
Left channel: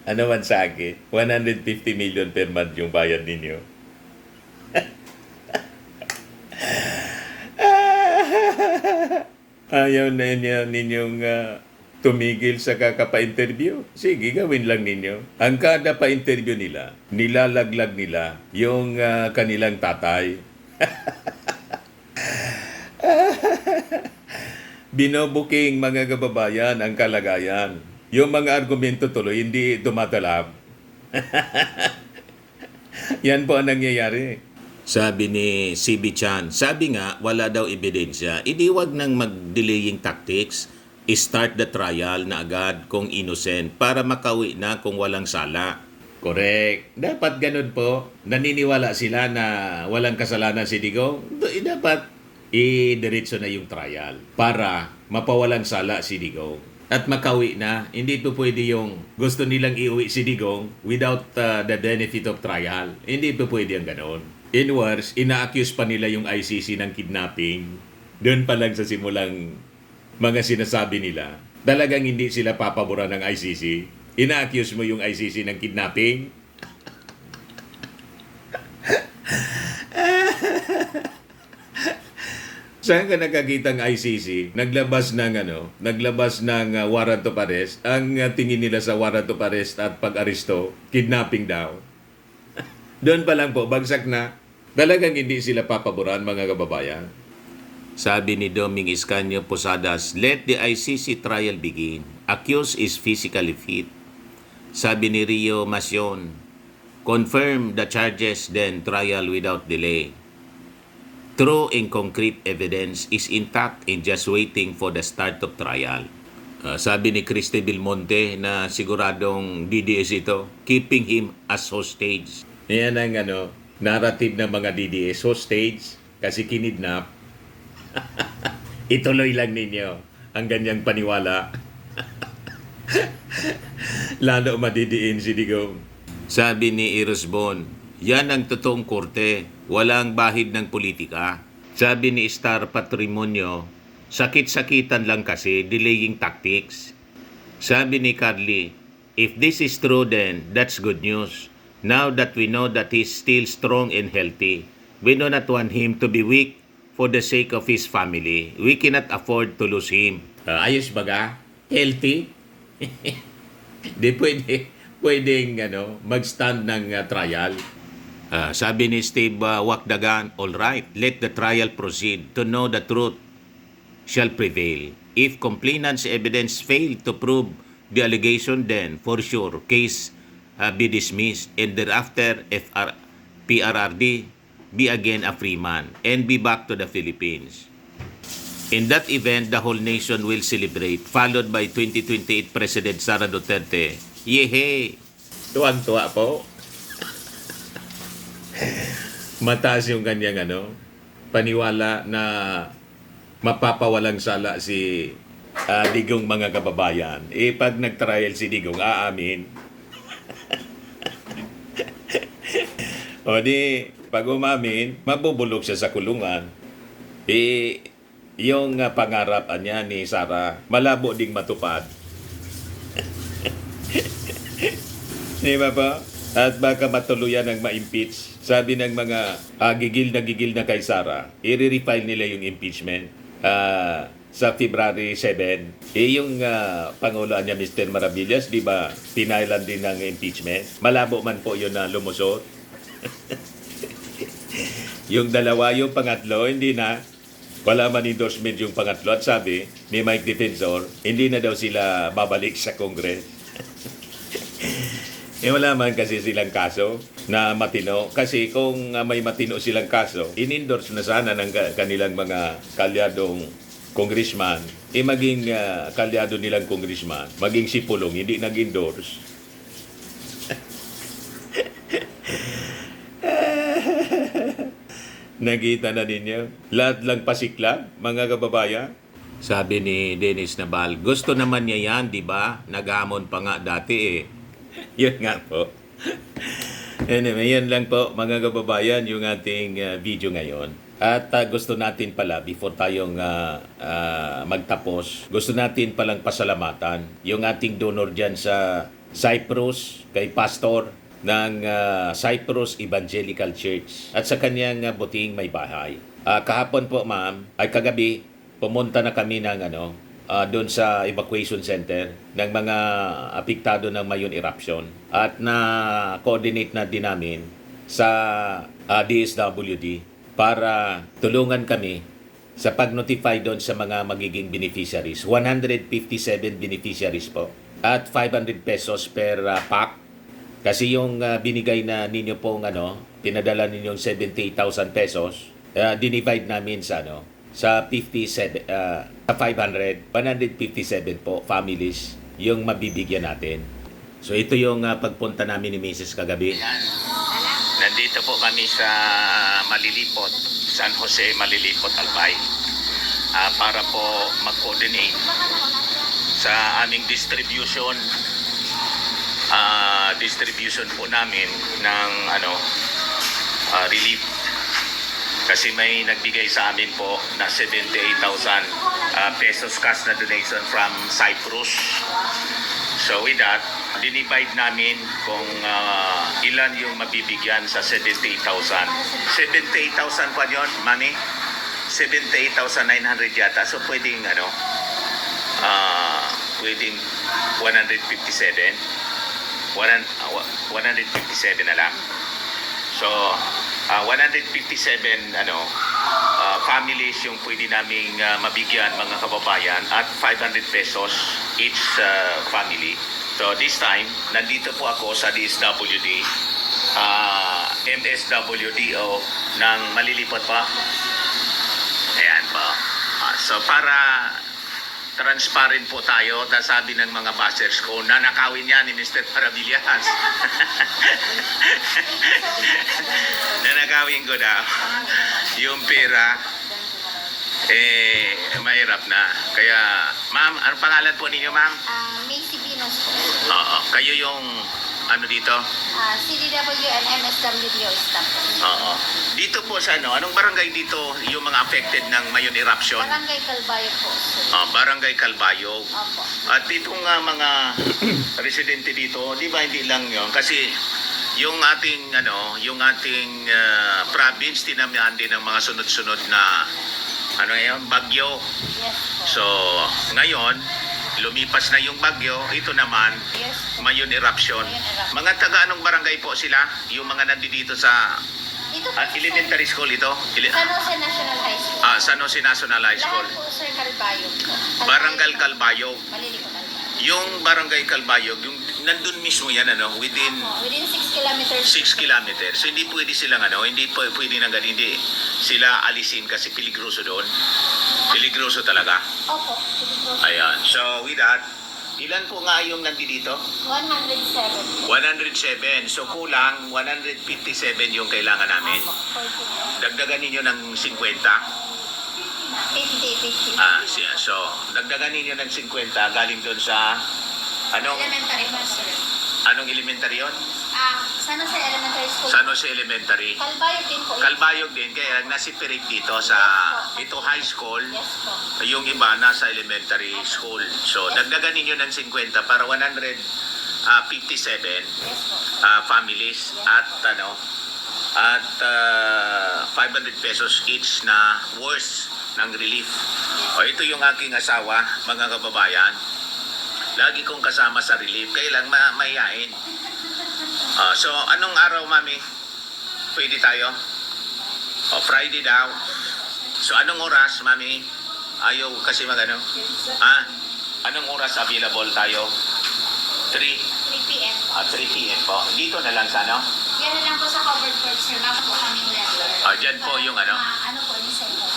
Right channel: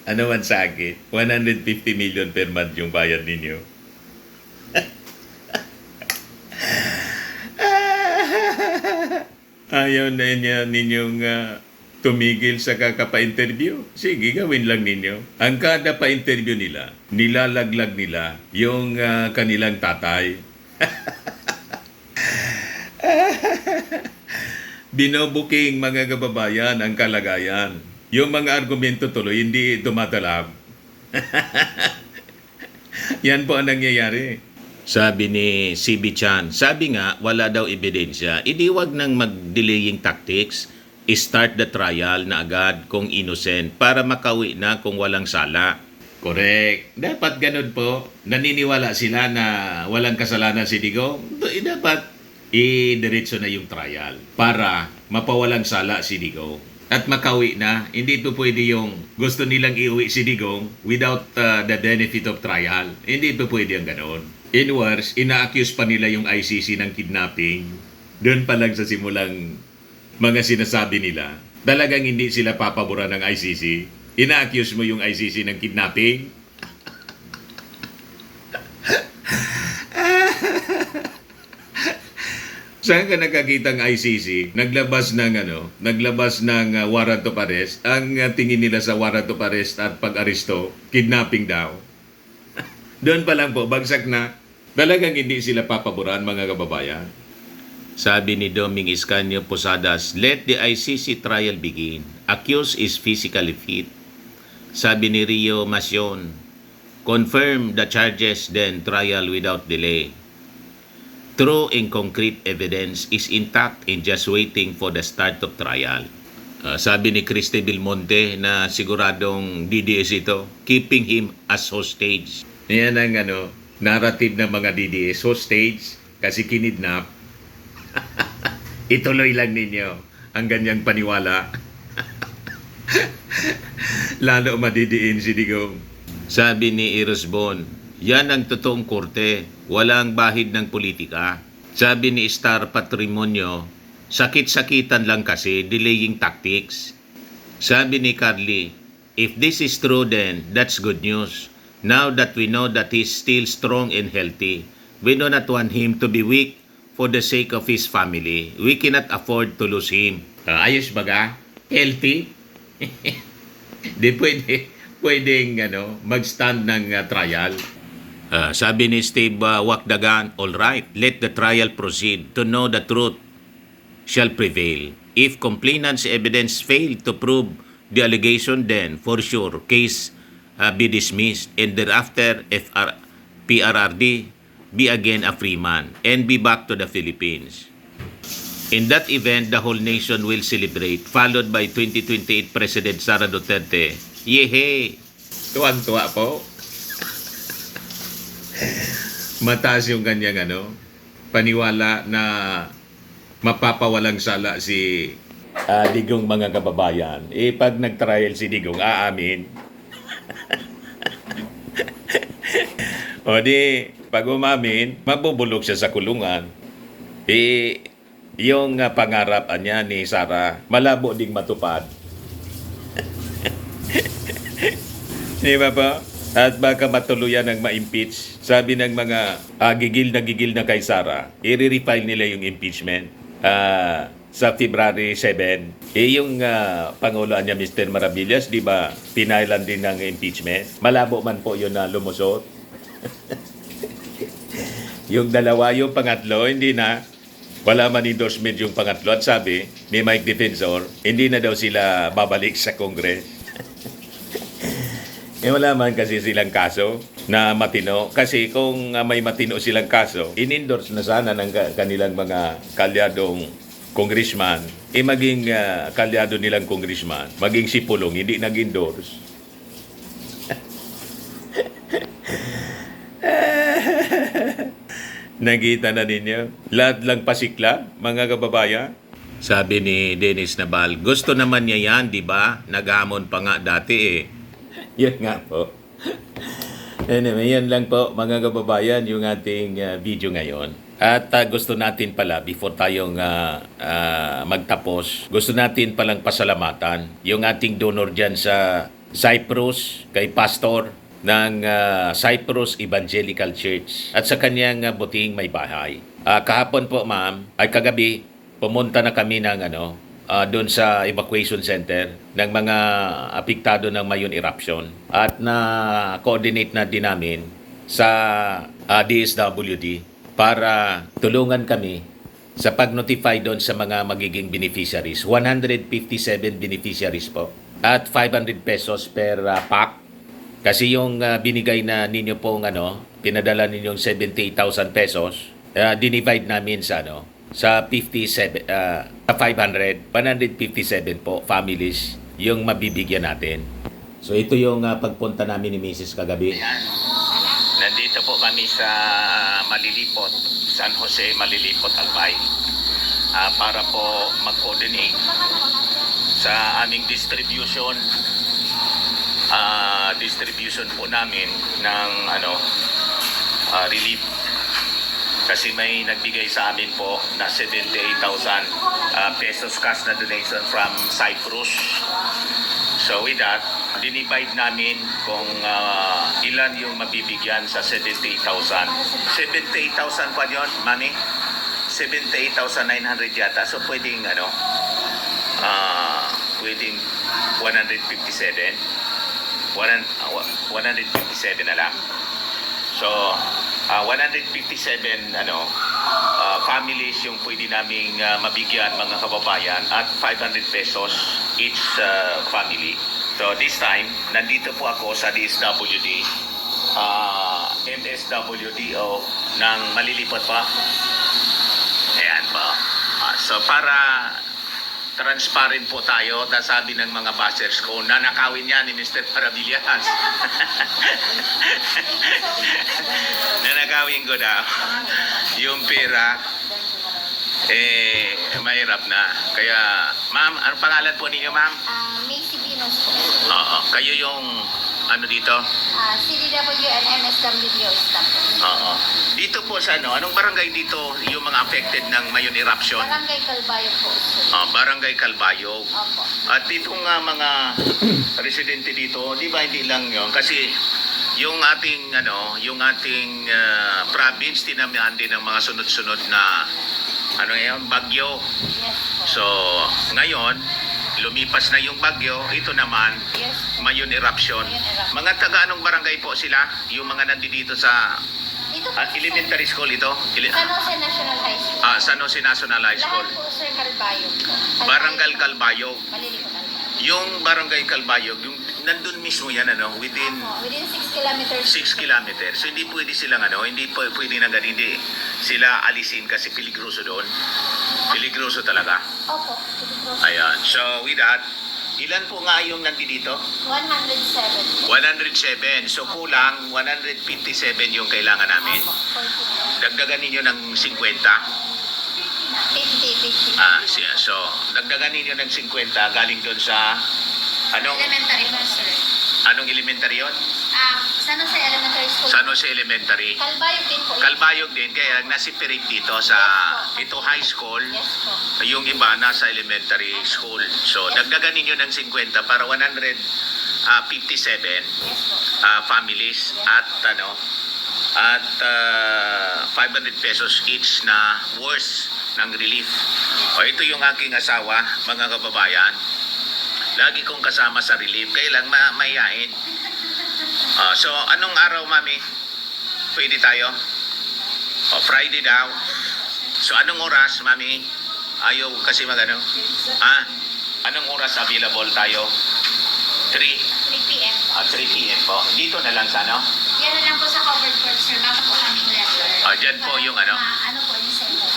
Ano man sa akin, 150 million per month yung bayad ninyo. Ayaw na ninyong tumigil sa kakapa-interview. Sige, gawin lang ninyo. Ang kada pa-interview nila, nilalaglag nila yung kanilang tatay. Binobuking, mga kababayan, ang kalagayan. Yung mga argumento tuloy, hindi dumadalab. Yan po ang nangyayari. Sabi ni CB Chan, sabi nga, wala daw ebidensya. Wag nang mag-delaying tactics. Start the trial na agad kung innocent para makawi na kung walang sala. Correct. Dapat ganun po. Naniniwala sila na walang kasalanan si Digong. Dapat i-diretso na yung trial para mapawalang sala si Digong. At makawi na, hindi ito pwede yung gusto nilang iuwi si Digong without the benefit of trial. Hindi ito pwede ang ganoon. In worse, ina-accuse pa nila yung ICC ng kidnapping. Doon pa lang sa simulang mga sinasabi nila. Talagang hindi sila papaboran ng ICC. Ina-accuse mo yung ICC ng kidnapping. Saan ka nakakita ng ICC? Naglabas ng warrant of arrest. Ang tingin nila sa warrant of arrest at pag-aresto, kidnapping daw. Doon pa lang po, bagsak na. Talagang hindi sila papaboran, mga kababayan. Sabi ni Doming Iscanio Posadas, let the ICC trial begin. Accused is physically fit. Sabi ni Rio Macion, confirm the charges then trial without delay. True and concrete evidence is intact and just waiting for the start of trial. Sabi ni Christy Belmonte na siguradong DDS ito, keeping him as hostage. Yan ang narrative ng mga DDS, hostage kasi kinidnap. Ituloy lang ninyo ang ganyang paniwala. Lalo madidiin si Digong. Sabi ni Eros Bon, yan ang totoong korte, walang bahid ng politika. Sabi ni Star Patrimonio, sakit-sakitan lang kasi, delaying tactics. Sabi ni Carly, if this is true then, that's good news. Now that we know that he's still strong and healthy, we do not want him to be weak for the sake of his family. We cannot afford to lose him. Ayos baga? Healthy? Di pwedeng mag-stand ng trial. Sabi ni Steve Wakdagan, all right, let the trial proceed to know the truth shall prevail. If complainant's evidence fail to prove the allegation, then for sure case be dismissed, and thereafter PRRD be again a free man and be back to the Philippines. In that event, the whole nation will celebrate, followed by 2028 President Sara Duterte. Yehey! Tuwan-tuwa po. Mataas yung kanyang paniwala na mapapawalang sala si Digong, mga kababayan. Pag nag-trial si Digong, aamin. O di, pag umamin, mabubulok siya sa kulungan. Yung pangarap niya ni Sara, malabo ding matupad. Di ba po? At baka matuluyan ng ma-impeach. Sabi ng mga gigil na kay Sara, i-refile nila yung impeachment sa February 7. Yung Pangulo niya, Mr. Maravillas, di ba, pinailan din ng impeachment? Malabo man po yun na lumusot. Yung dalawa, yung pangatlo, hindi na. Wala man endorsement yung pangatlo. At sabi ni Mike Defensor, hindi na daw sila babalik sa Congress. Wala man kasi silang kaso na matino. Kasi kung may matino silang kaso, in-endorse na sana ng kanilang mga kalyadong congressman. Maging kalyado nilang congressman, maging si Pulong, hindi nag-endorse. Nakita na ninyo? Lahat lang pasiklab, mga kababayan. Sabi ni Dennis Nabal, gusto naman niya yan, di ba? Naghamon pa nga dati Yun nga po. Anyway, yan lang po, mga kababayan, yung ating video ngayon. At gusto natin pala, before tayong magtapos, gusto natin palang pasalamatan yung ating donor dyan sa Cyprus, kay Pastor ng Cyprus Evangelical Church at sa kanyang buting may bahay. Kahapon po, ma'am, ay kagabi, pumunta na kami ng doon sa evacuation center ng mga apektado ng Mayon eruption at na-coordinate na din namin sa DSWD para tulungan kami sa pag-notify doon sa mga magiging beneficiaries. 157 beneficiaries po at 500 pesos per pack. Kasi yung binigay na ninyo pong pinadala ninyong 78,000 pesos, dinivide namin sa sa 57 500, 157 po families yung mabibigyan natin. So ito yung pagpunta namin ni Mrs. kagabi. Ayan. Nandito po kami sa Malilipot, San Jose Malilipot, Albay. Para po mag-coordinate sa aming distribution po namin ng relief. Kasi may nagbigay sa amin po na 78,000 pesos cash na donation from Cyprus. So with that, dinivide namin kung ilan yung mabibigyan sa 78,000. 78,000 pa yun, money? 78,900 yata. So pwedeng pwedeng 157. 157 na lang. So 157 families yung pwede naming mabigyan, mga kababayan, at 500 pesos each family. So this time, nandito po ako sa DSWD, MSWDO ng Malilipot pa. Ayan po. So para transparent po tayo, sabi ng mga bashers ko, nanakawin yan ni Mr. Paravillas. Nanakawin ko daw. Yung pera, mahirap na. Kaya, ma'am, anong pangalan po ninyo, ma'am? Macy Pinos po. Oo, kayo yung dito? CDW and MSWDO staff po. Oo. Dito po sa anong barangay dito yung mga affected ng Mayon eruption? Barangay Calbayo po. Barangay Calbayo. Opo. At dito nga mga residente dito, di ba hindi lang yun? Kasi yung ating province tinamaan din ng mga sunod-sunod na bagyo. Yes po. So, ngayon, lumipas na yung bagyo, ito naman, Yes po. Mayon eruption. Mayon eruption. Mga taga anong barangay po sila? Yung mga nandito sa Dito po elementary school ito? San Jose National High School. San Jose National High School. Lahat po, sir, Calbayog po. Barangay Calbayog. Maliliko Calbayog. Yung Barangay Calbayog, yung nandun mismo yan, within Within 6 kilometers. 6 kilometers. So hindi pwede silang hindi pwede na ganun, hindi sila alisin kasi peligroso doon. Peligroso talaga. Opo. Dito po. Ayan. So with that, ilan po nga yung nandito? 107. 107. So kulang 157 yung kailangan namin. Opo. 40. Dagdagan ninyo ng 50. 50. So dagdagan ninyo ng 50 galing doon sa Elementary po, sir. anong elementary yon? San Jose Elementary School. San Jose Elementary. Calbayog din po. Kalbayog din, kaya nasiperate dito sa ito high school, Yes po. yung iba nasa elementary school. So, dagdagan ninyo ng 50 para 157 Yes po. families at 500 pesos each na worth ng relief. O ito yung aking asawa, mga kababayan. Lagi kong kasama sa relief, kaya lang mayayain. So, anong araw, mami? Pwede tayo? O, Friday daw. So, anong oras, mami? Ayaw kasi magano? Anong oras available tayo? 3 3 p.m. po. 3 p.m. po. Dito na lang sa Yan na lang po sa covered court, sir. Baka po kaming letter. Dyan po yung Ano po, yung center.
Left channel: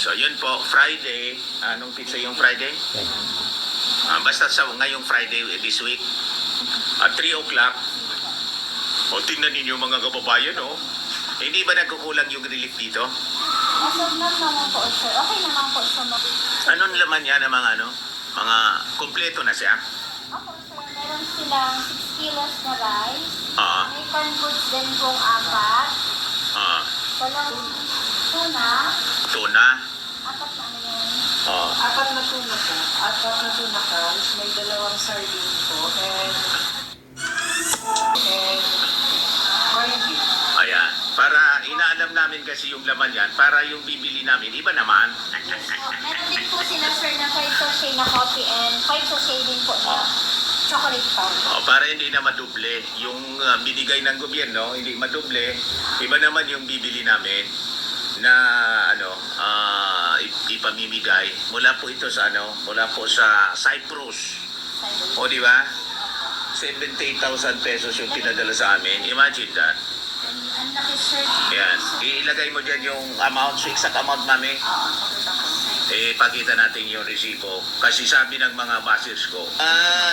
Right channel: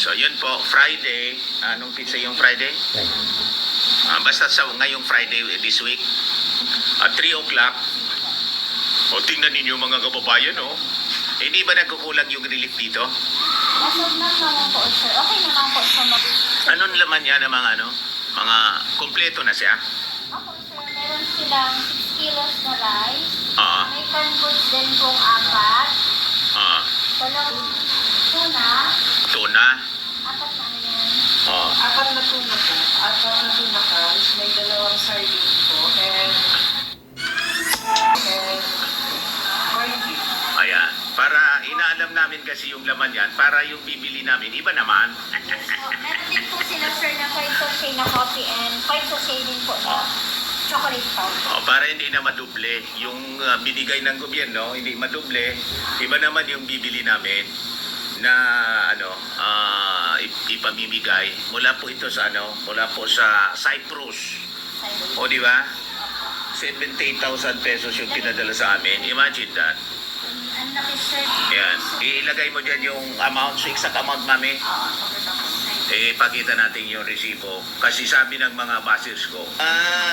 So, yun po, Friday. Anong pizza yung Friday? Basta sa ngayong Friday this week. At 3 o'clock. O, tingnan ninyo mga kababayan, Hindi ba nagkukulang yung relief dito? As of now naman po, sir. Okay naman po sa mga... Anong laman yan ng mga mga kumpleto na siya? Opo, sir. Meron silang 6 kilos na rice. Oo. May canned goods din pong 4. Walang tuna. Tuna. 4 na ano yan. Apat na tuna po. Apat na tuna cans. May 2 sardine po. And corned beef. Ayan. Para inaalam namin kasi yung laman yan, para yung bibili namin, iba naman. Yes po. Meron din po sila, sir, na 5 sachet na coffee and 5 sachet din po na chocolate powder. Para hindi na maduble yung binigay ng gobyerno, hindi maduble. Iba naman yung bibili namin na ipamimigay mula po ito sa mula po sa Cyprus. O di ba? 78,000 pesos yung pinadala sa amin. Imagine that. Ang laki, sir. Ayan. Ilagay mo dyan yung amount, so exact amount, mami. Pakita natin yung resibo. Kasi sabi ng mga bashers ko,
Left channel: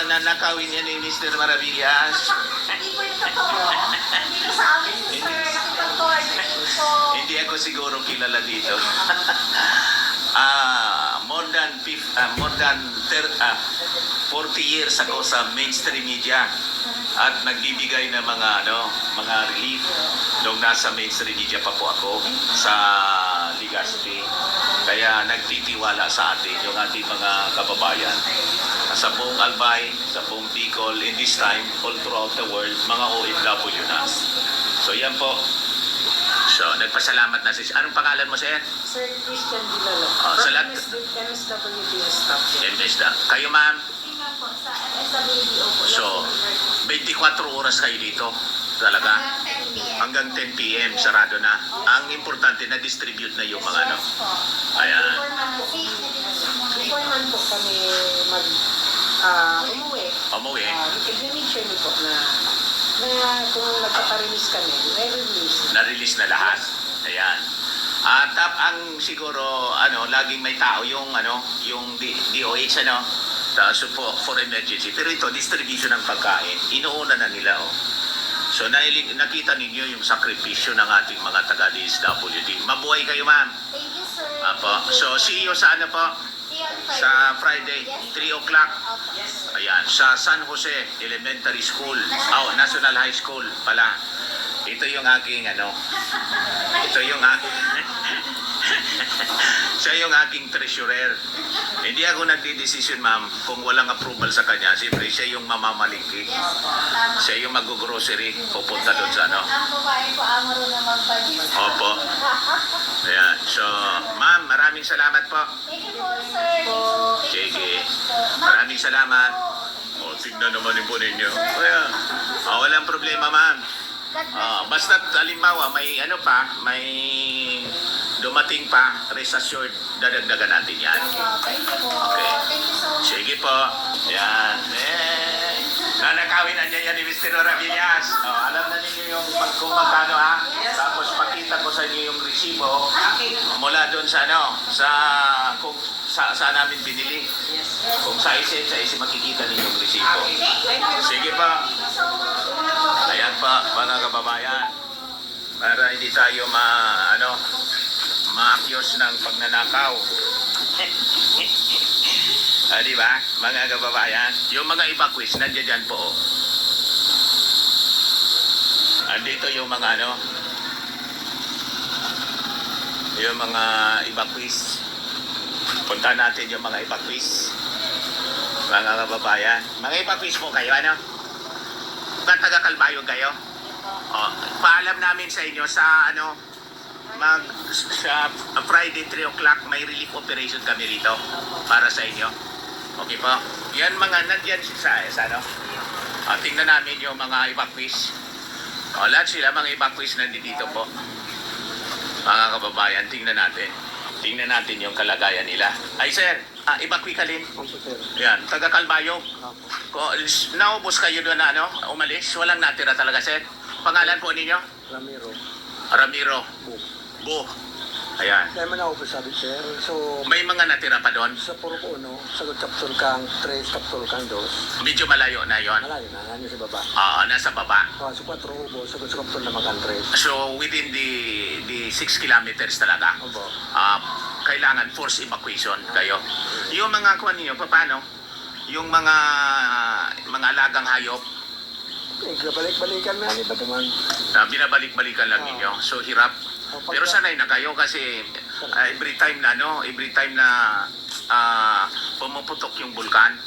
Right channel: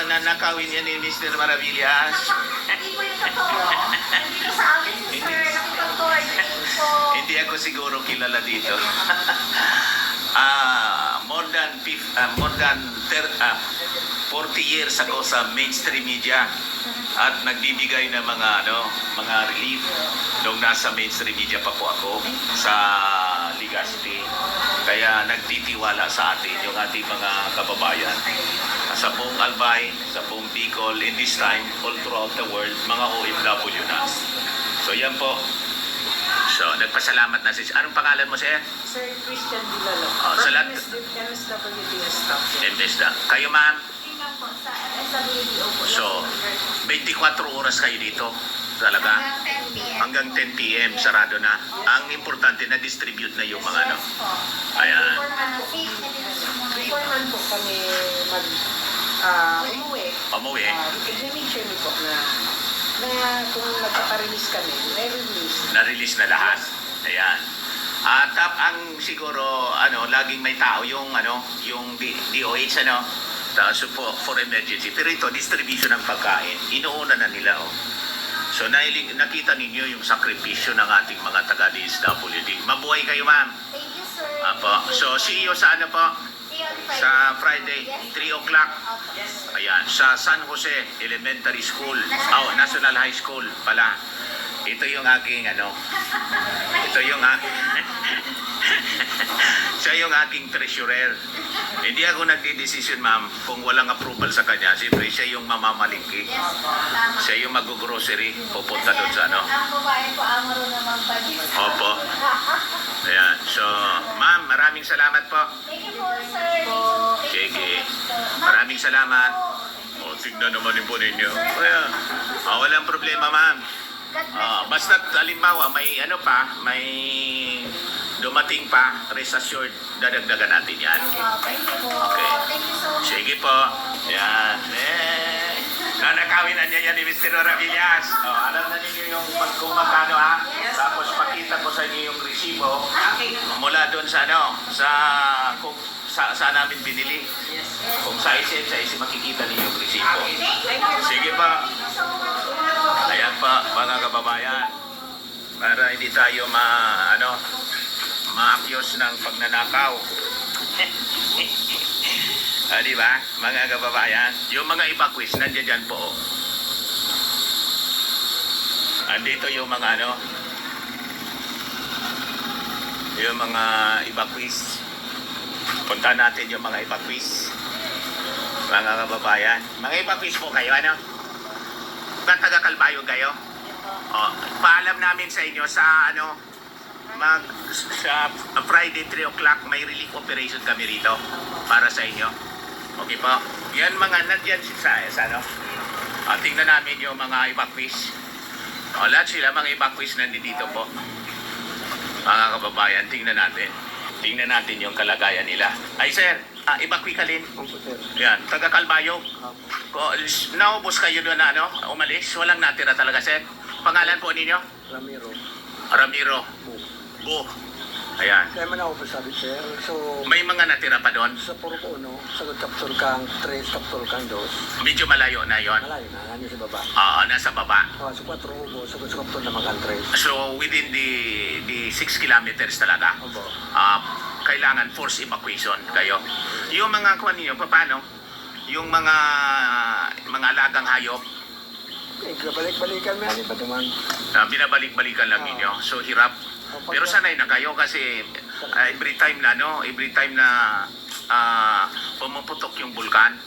nanakawin yan ni Mr. Maravillas. Hindi po yung totoo. Hindi po sa amin, sir. Nakipag-coordinate po. Hindi ako siguro kilala dito. More than 40 years ako sa mainstream media at nagbibigay ng mga relief nung nasa mainstream media pa po ako sa Legazpi. Kaya nagtitiwala sa atin yung ating mga kababayan sa buong Albay, sa buong Bicol, in this time, all throughout the world, mga OFW na. So yan po. So, nagpasalamat na anong pangalan mo, sir? Sir Christian Dilalo. Sa lahat. MSWDS staff. Embesda. Kayo, ma'am? Tingnan po sa MSWDO po. So, 24 oras kayo dito. Talaga. Hanggang 10 p.m. Hanggang 10 p.m. sarado na. Ang importante na distribute na yung mga Yes po. Ayan. Before man, safe na din sa mga Before man po kami umuwi, Pamuwi. i-make sure niyo po na kung nagpaparelease kami, may release. Na-release na lahat. Ayan. At ang siguro, laging may tao yung, yung DOH, for emergency. Pero ito, distribution ng pagkain. Inuuna na nila, So, nakita ninyo yung sakripisyo ng ating mga taga-DSWD. Mabuhay kayo, ma'am. Thank you, sir. Apo. So, see you sa po? See you on Friday. Sa Friday, Yes. 3 o'clock. Opo. Ayan, sa San Jose Elementary School. National High School pala. Ito yung aking ito yung Siya yung aking treasurer. Hindi ako nagdidesisyon, ma'am, kung walang approval sa kanya. Siyempre, siya yung mamamalingki. Yes po, tama. Siya yung mag-grocery, pupunta doon sa ano. Ang babae po ang marunong mag-budget. Opo. Ayan. So, ma'am, maraming salamat po. Thank you po, sir. Sige. Maraming salamat. O, tignan naman din po ninyo. Ayan. Walang problema, ma'am. God bless you. Basta halimbawa may ano pa, may dumating pa, rest assured, dadagdagan natin yan. Thank you po. Okay. Thank you so much. Sige po. Yan. Nanakawin na niya yan ni Mr. Ravillas. Alam na ninyo yung kung magkano ha. Tapos pakita ko sa inyo yung resibo. Mula doon sa ano, kung saan namin binili. Kung sa isim makikita ninyo yung resibo. Sige pa. Thank you so much. Ayan pa, mga kababayan. Para hindi tayo maakyos ng pagnanakaw. Di ba, mga kababayan? Yung mga evacuees, nandiyan dyan po. Andito yung mga yung mga evacuees. Punta natin yung mga evacuees. Mga kababayan. Mga evacuees po kayo, taga Calbayog kayo? Paalam namin sa inyo sa sa Friday 3 o'clock may relief operation kami rito para sa inyo. Okay po? Yan mga nandiyan sa tingnan namin yung mga evacuees. Lahat sila mga evacuees nandito po. Mga kababayan, tingnan natin. Tingnan natin yung kalagayan nila. Ay sir, evacuee ka rin. Yan, taga Calbayog. Naubos kayo doon na umalis. Walang natira talaga sir. Pangalan po ninyo? Ramiro. Bu. Ayan. Kaya man ako sabi, sir. So, May mga natira pa doon. sa puro ko, sagot kapsul kang 3, kapsul kang 2. Medyo malayo na yon. Malayo na, nandun sa baba. Nasa baba. Sa 4 ubo, sagot sa kapsul naman kang 3. So within the 6 kilometers talaga. Obo. Kailangan force evacuation kayo. Yung mga kuha ninyo, paano? Yung mga alagang hayop, Balik-balikan na yan, iba naman. binabalik-balikan lang ninyo. So hirap. Pero sanay na kayo kasi every time na pumuputok yung bulkan,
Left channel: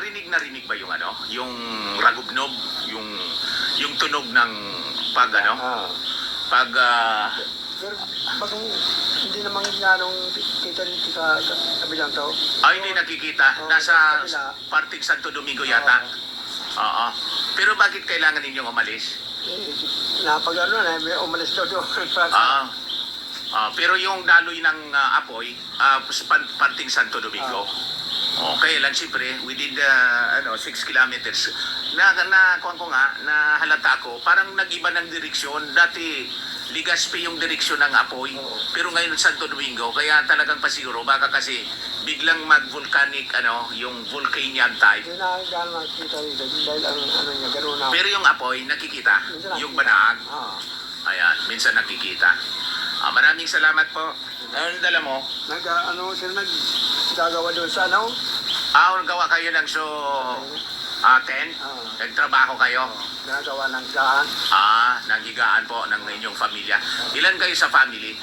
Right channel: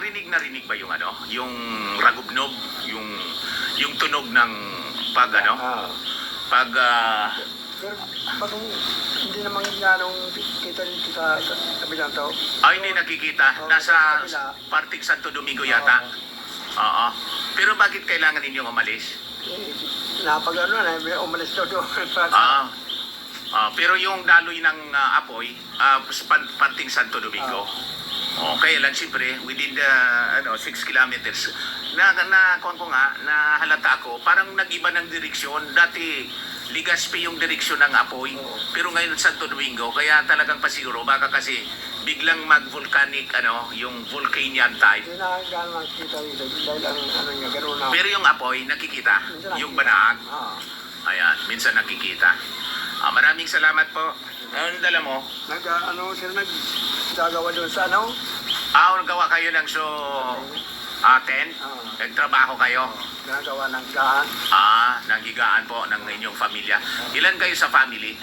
rinig ba yung yung ragubnog, yung tunog ng pag Pero pag hindi naman ganong kita rin sa kabilang tao. hindi nakikita. Nasa parting Santo Domingo yata. Oo. Pero bakit kailangan ninyong umalis? May umalis daw doon. Pero yung daloy ng apoy, parting Santo Domingo. Okay lang siyempre, within the 6 kilometers. Na halata ako, parang nag-iba ng direksyon. Dati, Legazpi yung direksyon ng apoy. Pero ngayon Santo Domingo, kaya talagang pasiguro, baka kasi biglang mag-volcanic, yung volcanic type. Hindi na gano'n nakikita dito. Dahil ang niya, gano'n na. Pero yung apoy, nakikita. Yung banaag. Ayan, minsan nakikita. Maraming salamat po. Ano dala mo? Sila nagagawa doon sa Nagawa kayo ng tent? Nagtrabaho kayo? Ginagawa ng gaan. Nanghigaan po ng inyong pamilya. Ilan kayo sa family?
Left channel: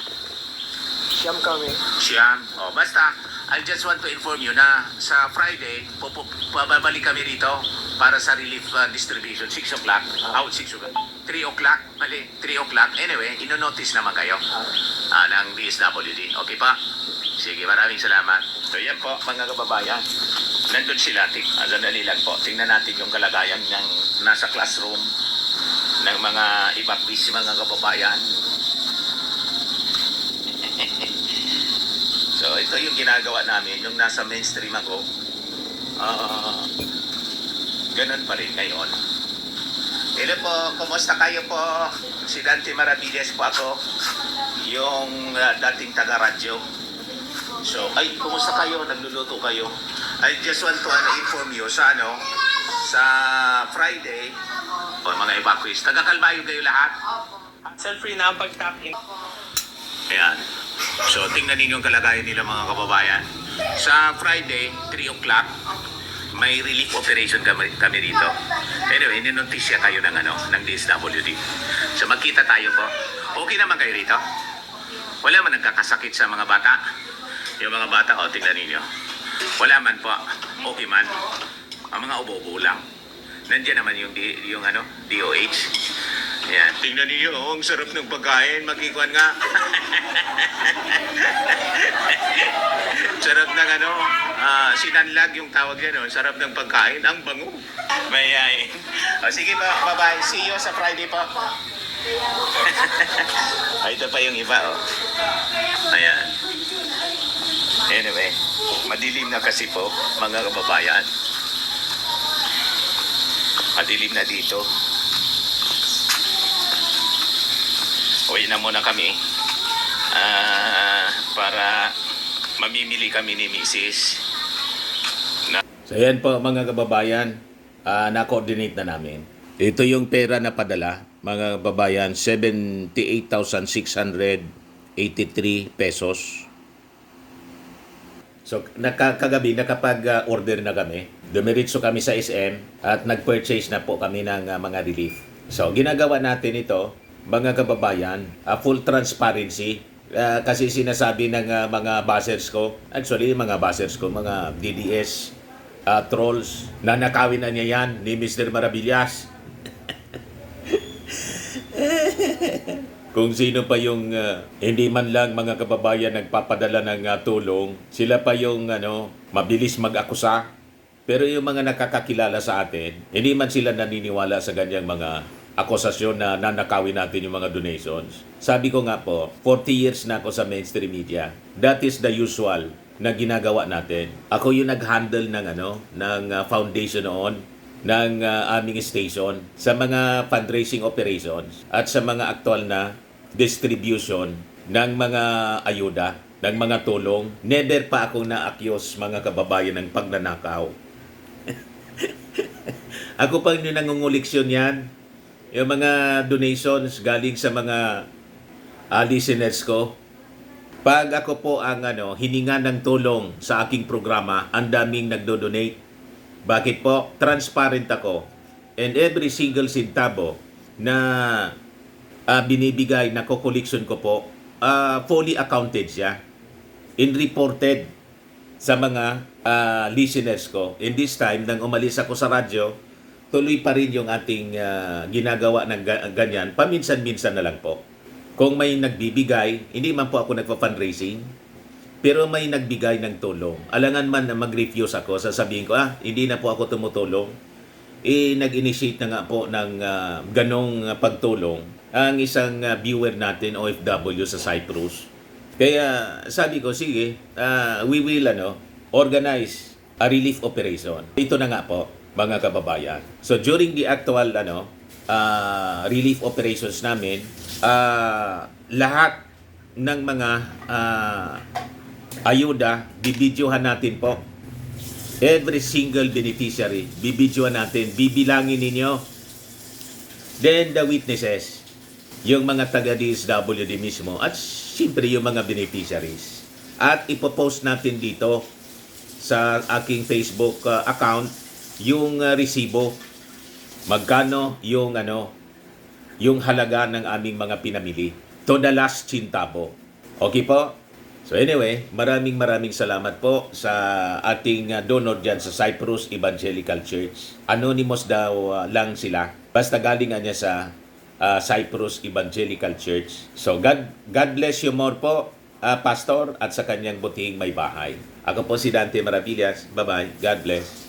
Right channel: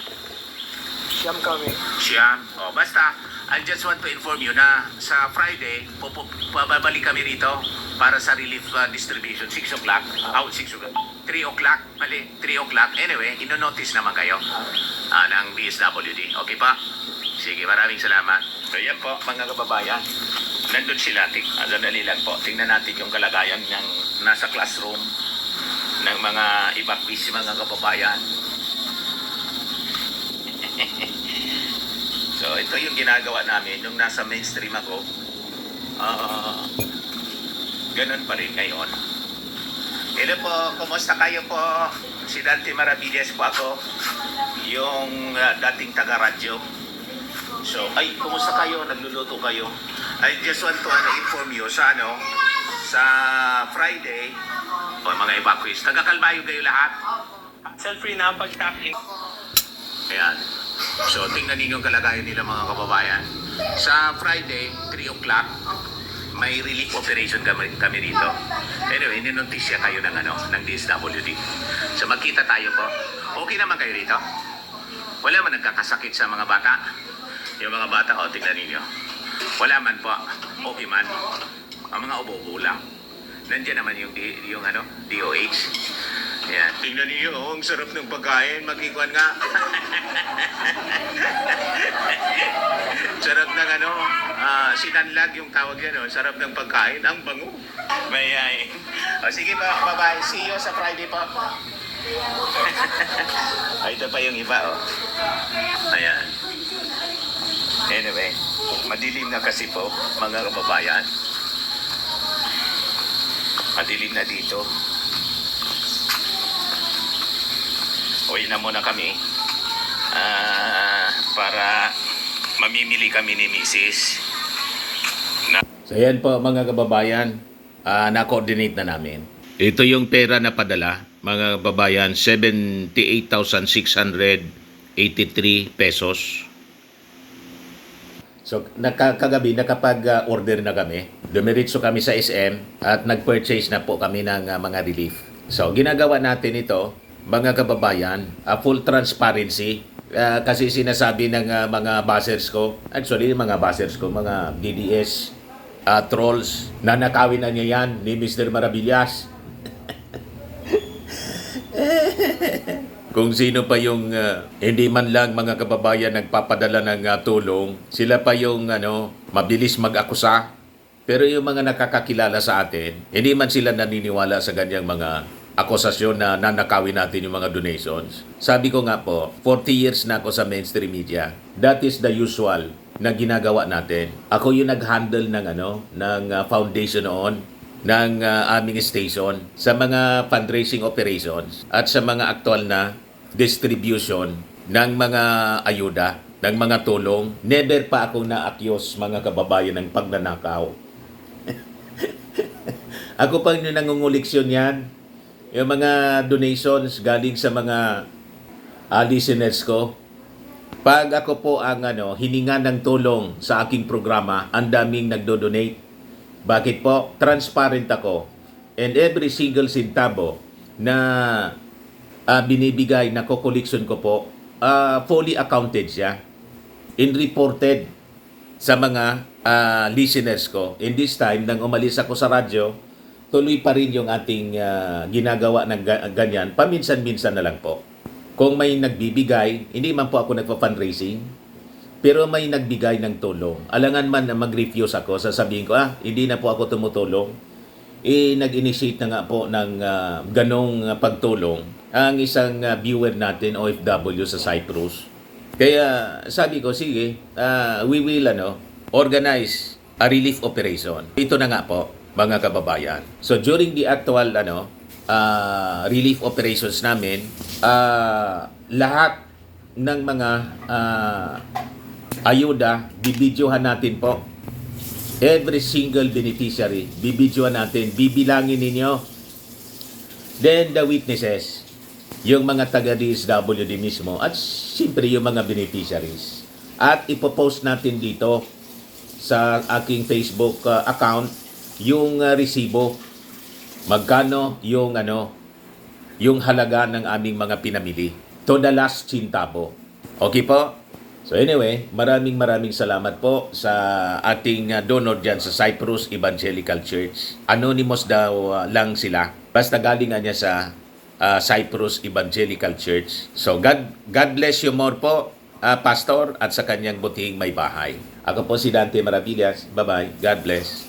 Siyam kami. Siyam. Basta, I just want to inform you na sa Friday, babalik kami rito para sa relief distribution. 6 o'clock. 6 o'clock. 3 o'clock. Mali, 3 o'clock. Anyway, ino-notice naman kayo ng DSWD. Okay pa? Sige, maraming salamat. So yan po, mga kababayan. Nandun sila. Sandali lang po. Tingnan natin yung kalagayan ng nasa classroom ng mga evacuees, mga kababayan. So, ito yung ginagawa namin, yung nasa mainstream ako. Ganun pa rin ngayon. Hello po, kumusta kayo po? Si Dante Maravillas po ako, yung dating taga-radyo. So, kumusta kayo? Nagluluto kayo? I just want to inform you sa sa Friday, mga evacuees, taga-Calbayog kayo lahat? Self-free na ang pagkain. Ayan. So, tingnan ninyo yung kalagayan nila mga kababayan. Sa Friday, 3 o'clock, may relief operation kami rito. Anyway, ninotisya kayo ng DSWD. So, magkita tayo po. Okay naman kayo rito? Wala man nagkakasakit sa mga bata. Yung mga bata, tingnan ninyo. Wala man po. Okay man. Ang mga ubo-ubo lang. Nandiyan naman yung DOH. Yan. Tingnan niyo, ang sarap ng pagkain. Magkikuan nga. Sarap ng sinanlag yung tawag yan. Sarap ng pagkain. Ang bango. May sige pa, bye-bye. See you sa Friday pa. Ito pa yung iba, Ayan. Anyway, madilim na kasi po, mga kababayan. Madilim na dito. Uwi na muna kami para mamimili kami ni Mrs. So yan po mga kababayan, na-coordinate na namin. Ito yung pera na padala, mga kababayan, 78,683 pesos. So kagabi nakapag-order na kami. Dumiritso kami sa SM at nag-purchase na po kami ng mga relief. So ginagawa natin ito, mga kababayan, full transparency. Kasi sinasabi ng mga buzzers ko, actually mga buzzers ko, mga DDS trolls, nanakawin na niya yan ni Mr. Maravillas. Kung sino pa yung hindi man lang mga kababayan nagpapadala ng tulong, sila pa yung mabilis mag-akusa. Pero yung mga nakakakilala sa atin, hindi man sila naniniwala sa ganyang mga akusasyon na nanakawin natin yung mga donations. Sabi ko nga po, 40 years na ako sa mainstream media. That is the usual na ginagawa natin. Ako yung nag-handle ng foundation noon, ng aming station sa mga fundraising operations at sa mga aktual na distribution ng mga ayuda, ng mga tulong. Never pa akong na-accuse mga kababayan ng pagnanakaw. Ako pa yung nangunguliksyon yan. Yung mga donations galing sa mga listeners ko. Pag ako po ang hininga ng tulong sa aking programa, ang daming nagdo-donate. Bakit po? Transparent ako. And every single centavo na binibigay na kokoleksyon ko po, fully accounted siya and reported sa mga listeners ko. In this time, nang umalis ako sa radyo, tuloy pa rin yung ating ginagawa ng ganyan. Paminsan-minsan na lang po. Kung may nagbibigay, hindi man po ako nagpa-fundraising, pero may nagbigay ng tulong. Alangan man na mag-refuse ako, sasabihin ko, hindi na po ako tumutulong. Nag-initiate na nga po ng ganong pagtulong ang isang viewer natin, OFW sa Cyprus. Kaya sabi ko, sige, we will organize a relief operation. Ito na nga po, mga kababayan. So during the actual relief operations namin, lahat ng mga ayuda, bibidyohan natin po. Every single beneficiary, bibidyohan natin, bibilangin ninyo. Then the witnesses, yung mga taga-DSWD mismo, at siyempre yung mga beneficiaries. At ipopost natin dito sa aking Facebook account yung resibo. Magkano yung yung halaga ng aming mga pinamili. To the last centavo. Okay po? So anyway, maraming salamat po sa ating donor dyan sa Cyprus Evangelical Church. Anonymous daw lang sila. Basta galing niya sa Cyprus Evangelical Church. So God bless you more po, Pastor, at sa kanyang butihing may bahay. Ako po si Dante Maravillas. Bye-bye. God bless.